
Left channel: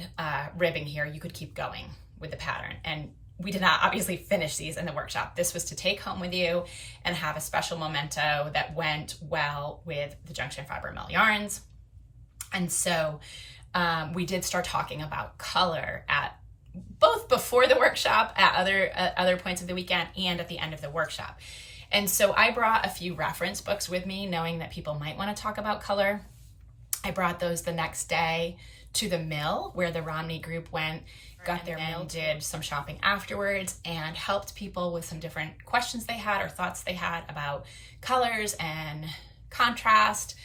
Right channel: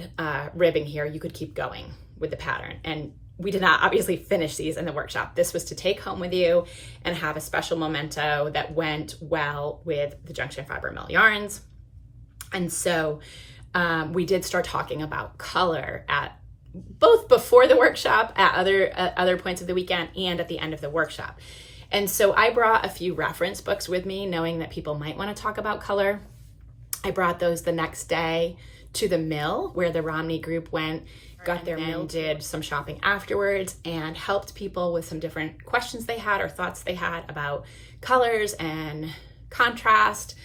ribbing here, you could keep going with the pattern. And we did not obviously finish these in the workshop. This was to take home with you and have a special memento that went well with the Junction Fiber Mill yarns. And so we did start talking about color at both before the workshop, at other points of the weekend, and at the end of the workshop. And so I brought a few reference books with me, knowing that people might want to talk about color. I brought those the next day to the mill where the Romney group went, got their mill, did some shopping afterwards, and helped people with some different questions they had or thoughts they had about colors and contrast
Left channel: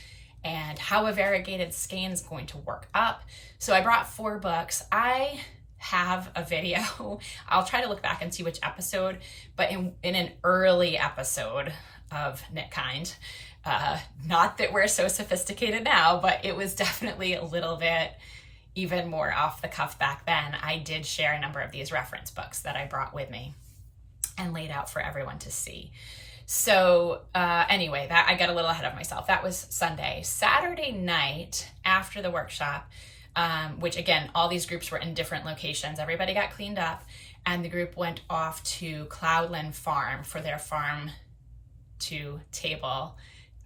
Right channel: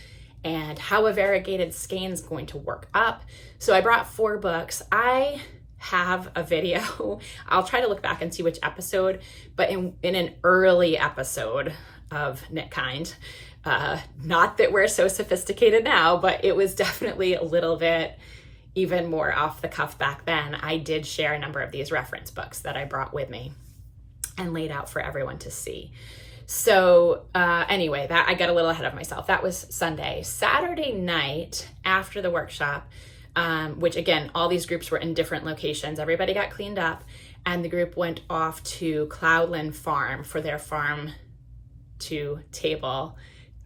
and how a variegated skein is going to work up. So I brought 4 books. I have a video. I'll try to look back and see which episode, but in an early episode of Knit Kind, not that we're so sophisticated now, but it was definitely a little bit even more off the cuff back then. I did share a number of these reference books that I brought with me and laid out for everyone to see. So anyway, that I got a little ahead of myself. That was Sunday. Saturday night after the workshop, which again, all these groups were in different locations. Everybody got cleaned up and the group went off to Cloudland Farm for their farm to table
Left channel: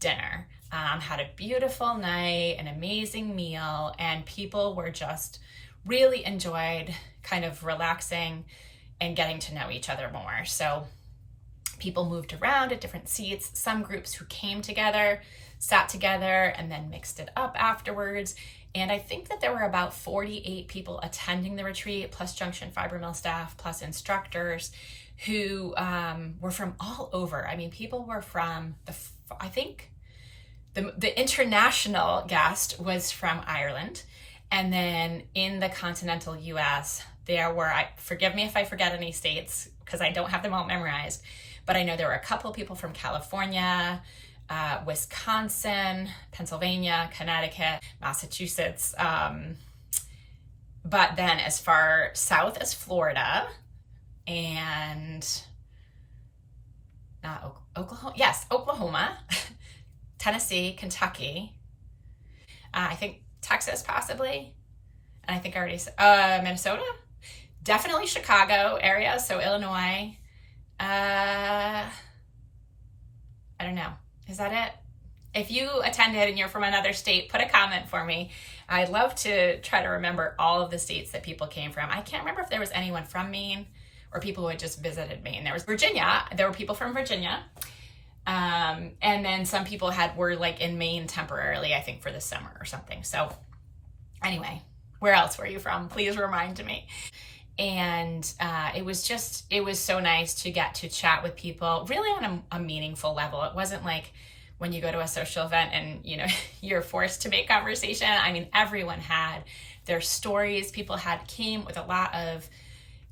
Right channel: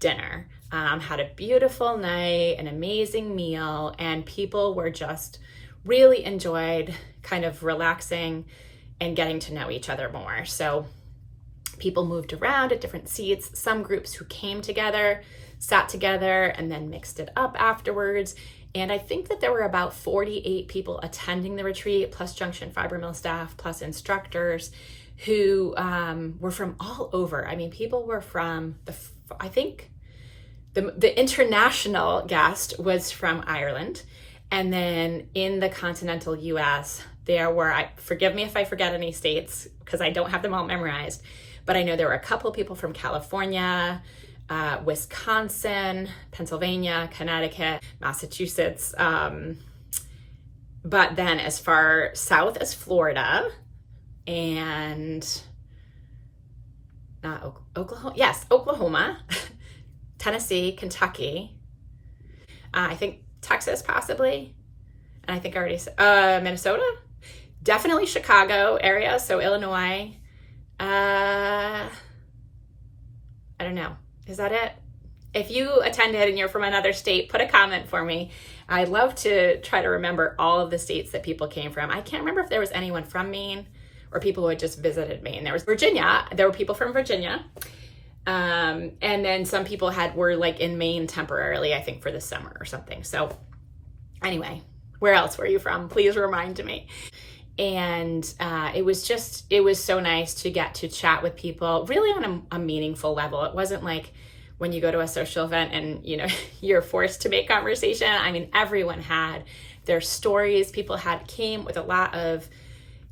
dinner. Had a beautiful night, an amazing meal, and people were just really enjoyed kind of relaxing and getting to know each other more. So people moved around at different seats. Some groups who came together, sat together, and then mixed it up afterwards. And I think that there were about 48 people attending the retreat, plus Junction Fiber Mill staff, plus instructors who were from all over. I mean, people were from I think the international guest was from Ireland. And then in the continental US, there were, forgive me if I forget any states, because I don't have them all memorized, but I know there were a couple people from California, Wisconsin, Pennsylvania, Connecticut, Massachusetts. But then as far south as Florida and not Oklahoma, yes, Oklahoma, Tennessee, Kentucky, I think Texas possibly, and I think I already said Minnesota, definitely Chicago area, so Illinois. I don't know. Is that it? If you attended and you're from another state, put a comment for me. I'd love to try to remember all of the states that people came from. I can't remember if there was anyone from Maine or people who had just visited Maine. There was Virginia. There were people from Virginia. And then some people were like in Maine temporarily, I think for the summer or something. So anyway, where else were you from? Please remind me. And it was so nice to get to chat with people really on a meaningful level. It wasn't like when you go to a social event and you're forced to make conversation. I mean, everyone had their stories. People came with a lot of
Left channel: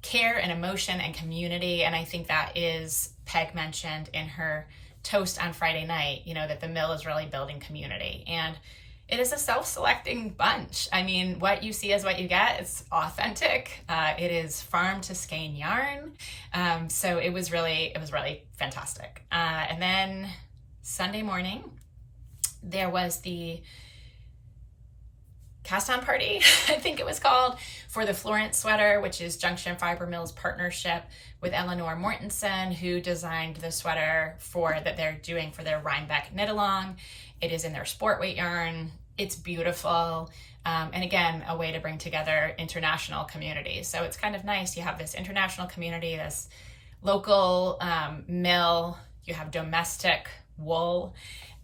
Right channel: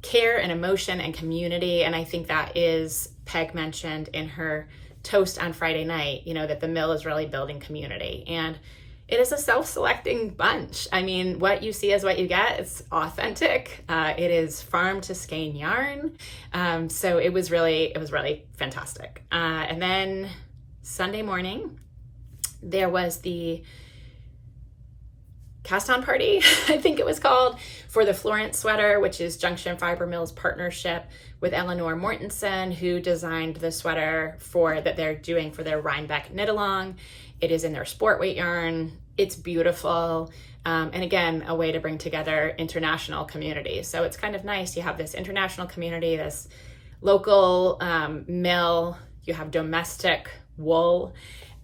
care and emotion and community. And I think that is, Peg mentioned in her toast on Friday night, that the mill is really building community. And it is a self-selecting bunch. I mean, what you see is what you get. It's authentic. It is farm to skein yarn. So it was really fantastic. And then Sunday morning, there was the cast on party, I think it was called, for the Florence sweater, which is Junction Fiber Mill's partnership with Eleanor Mortensen, who designed the sweater that they're doing for their Rhinebeck knit along. It is in their sport weight yarn. It's beautiful. And again, a way to bring together international communities. So it's kind of nice. You have this international community, this local mill, you have domestic wool.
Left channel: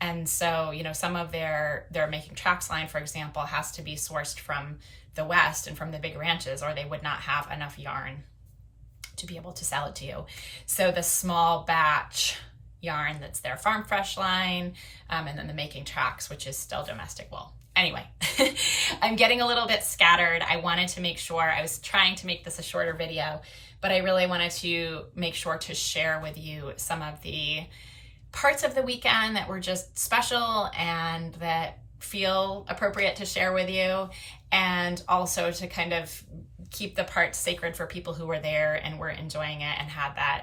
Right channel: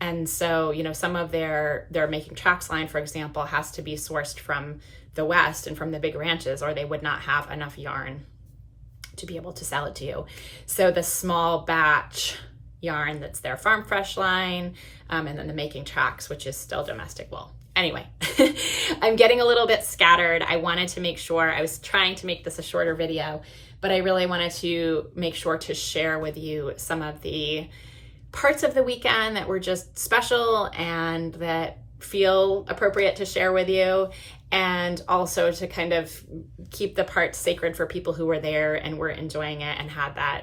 And so, some of their making tracks line, for example, has to be sourced from the West and from the big ranches, or they would not have enough yarn to be able to sell it to you. So the small batch yarn that's their Farm Fresh line, and then the Making Tracks, which is still domestic wool. Anyway, I'm getting a little bit scattered. I wanted to make sure, I was trying to make this a shorter video, but I really wanted to make sure to share with you some of the parts of the weekend that were just special and that feel appropriate to share with you, and also to kind of keep the parts sacred for people who were there and were enjoying it and had that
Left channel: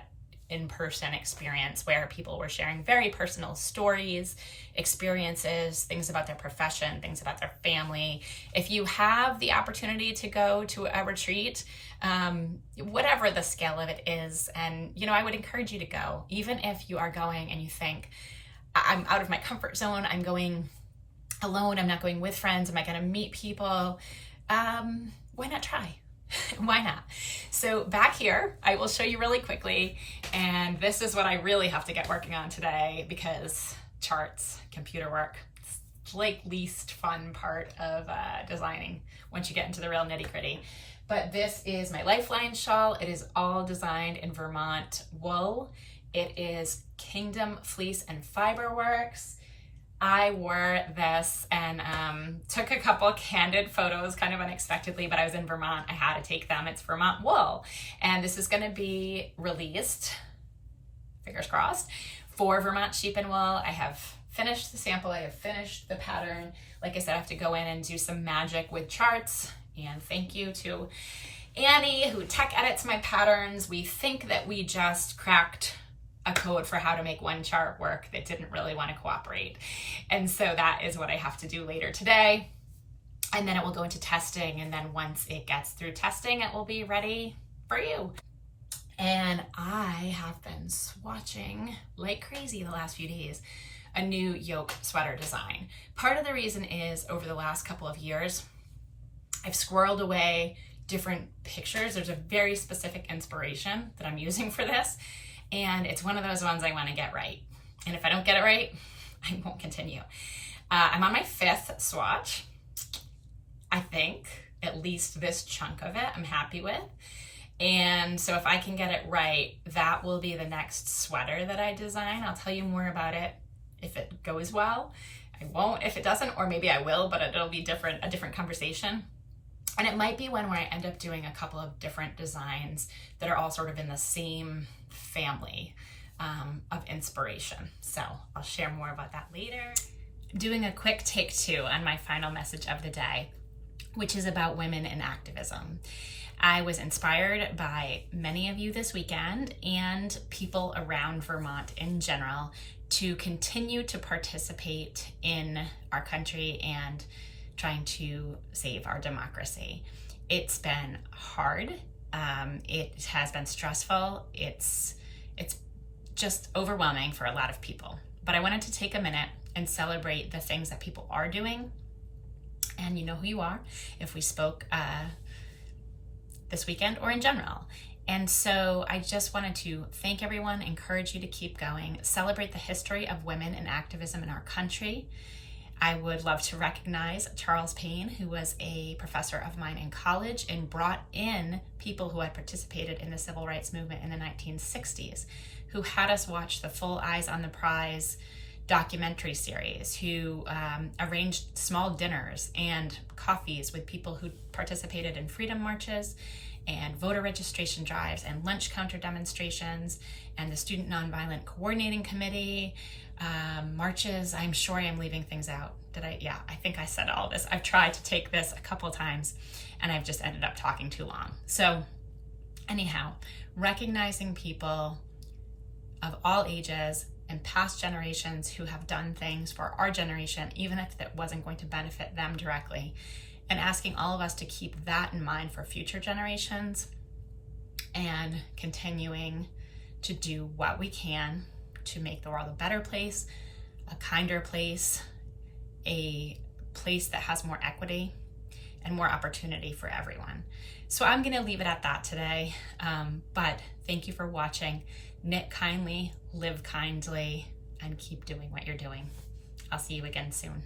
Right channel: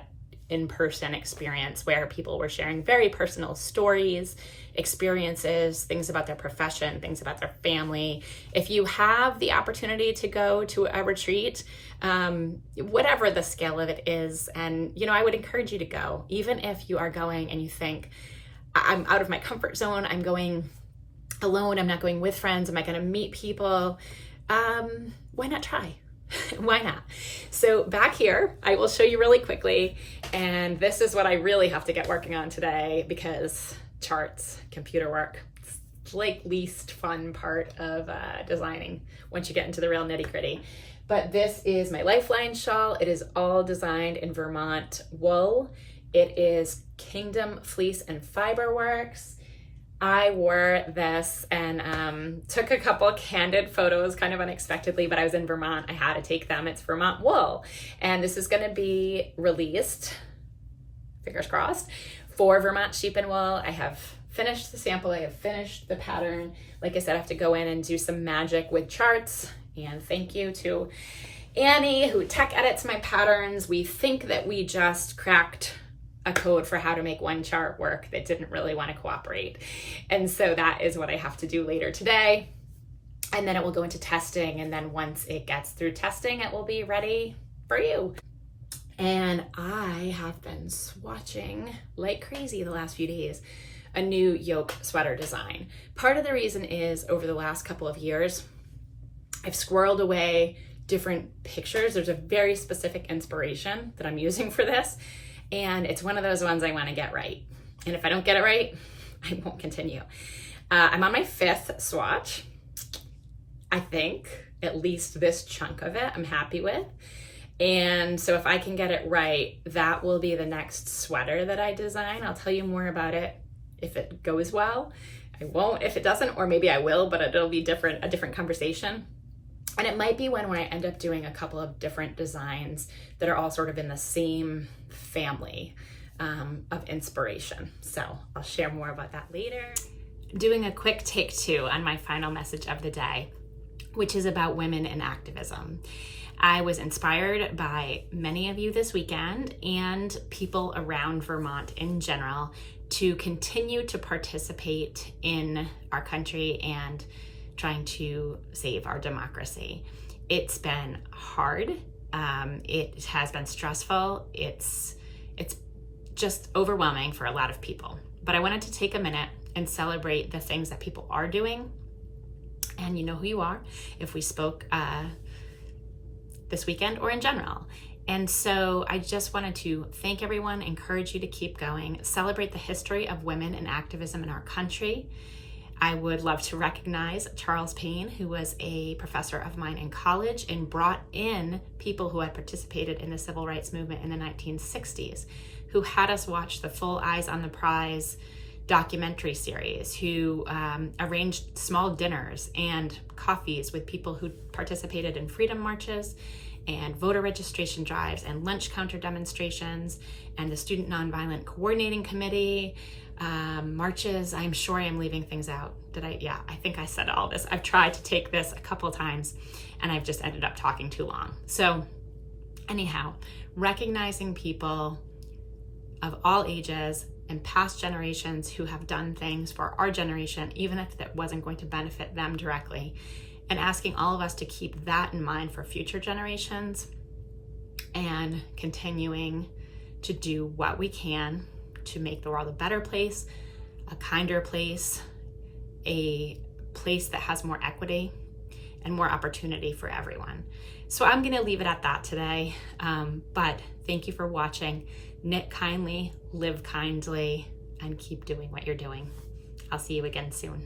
in-person experience where people were sharing very personal stories, experiences, things about their profession, things about their family. If you have the opportunity to go to a retreat, whatever the scale of it is, and I would encourage you to go, even if you are going and you think, I'm out of my comfort zone, I'm going alone, I'm not going with friends, am I going to meet people? Why not try? Why not? So back here, I will show you really quickly, and this is what I really have to get working on today, because charts, computer work, it's like least fun part of designing once you get into the real nitty gritty. But this is my Lifeline shawl. It is all designed in Vermont wool. It is Kingdom Fleece and Fiber Works. I wore this and took a couple candid photos kind of unexpectedly, but I was in Vermont. I had to take them. It's Vermont wool. And this is going to be released, fingers crossed, for Vermont Sheep and Wool. I have finished the sample. I have finished the pattern. Like I said, I have to go in and do some magic with charts. And thank you to Annie, who tech edits my patterns. We think that we just cracked a code for how to make one chart work that didn't really want to cooperate. And so that is what I have to do later today. And then it will go into testing. And then once it gets through testing, it will be ready for you. And I have been swatching like crazy the last few days a new yoke sweater design. Part of the reason is over the last couple of years, I've squirreled away different pictures. There's a very specific inspiration that I'm using for this. And it's one of those ones I want to get right. And if I don't get it right, I won't continue. I'm on my 5th swatch. I think at least this chunk of it I'm happy with. And so if I can get it right, that will be the next sweater that I design. I'll tell you more about it if it goes well. I won't if it doesn't, or maybe I will, but it'll be a different conversation. And it might be one where I end up doing a couple of different designs that are all sort of in the same family of inspiration. So I'll share more about that later. Doing a quick take 2 on my final message of the day, which is about women in activism. I was inspired by many of you this weekend and people around Vermont in general to continue to participate in our country and trying to save our democracy. It's been hard. It has been stressful. It's just overwhelming for a lot of people. But I wanted to take a minute and celebrate the things that people are doing. And you know who you are if we spoke this weekend or in general. And so I just wanted to thank everyone, encourage you to keep going, celebrate the history of women in activism in our country. I would love to recognize Charles Payne, who was a professor of mine in college and brought in people who had participated in the civil rights movement in the 1960s, who had us watch the full Eyes on the Prize documentary series, who arranged small dinners and coffees with people who participated in freedom marches and voter registration drives and lunch counter demonstrations and the Student Nonviolent Coordinating Committee, marches. I'm sure I am leaving things out. Yeah, I think I said all this. I've tried to take this a couple times and I've just ended up talking too long. So anyhow, recognizing people of all ages and past generations who have done things for our generation, even if that wasn't going to benefit them directly, and asking all of us to keep that in mind for future generations and continuing to do what we can to make the world a better place, a kinder place, a place that has more equity and more opportunity for everyone. So I'm gonna leave it at that today, but thank you for watching. Knit kindly, live kindly, and keep doing what you're doing. I'll see you again soon.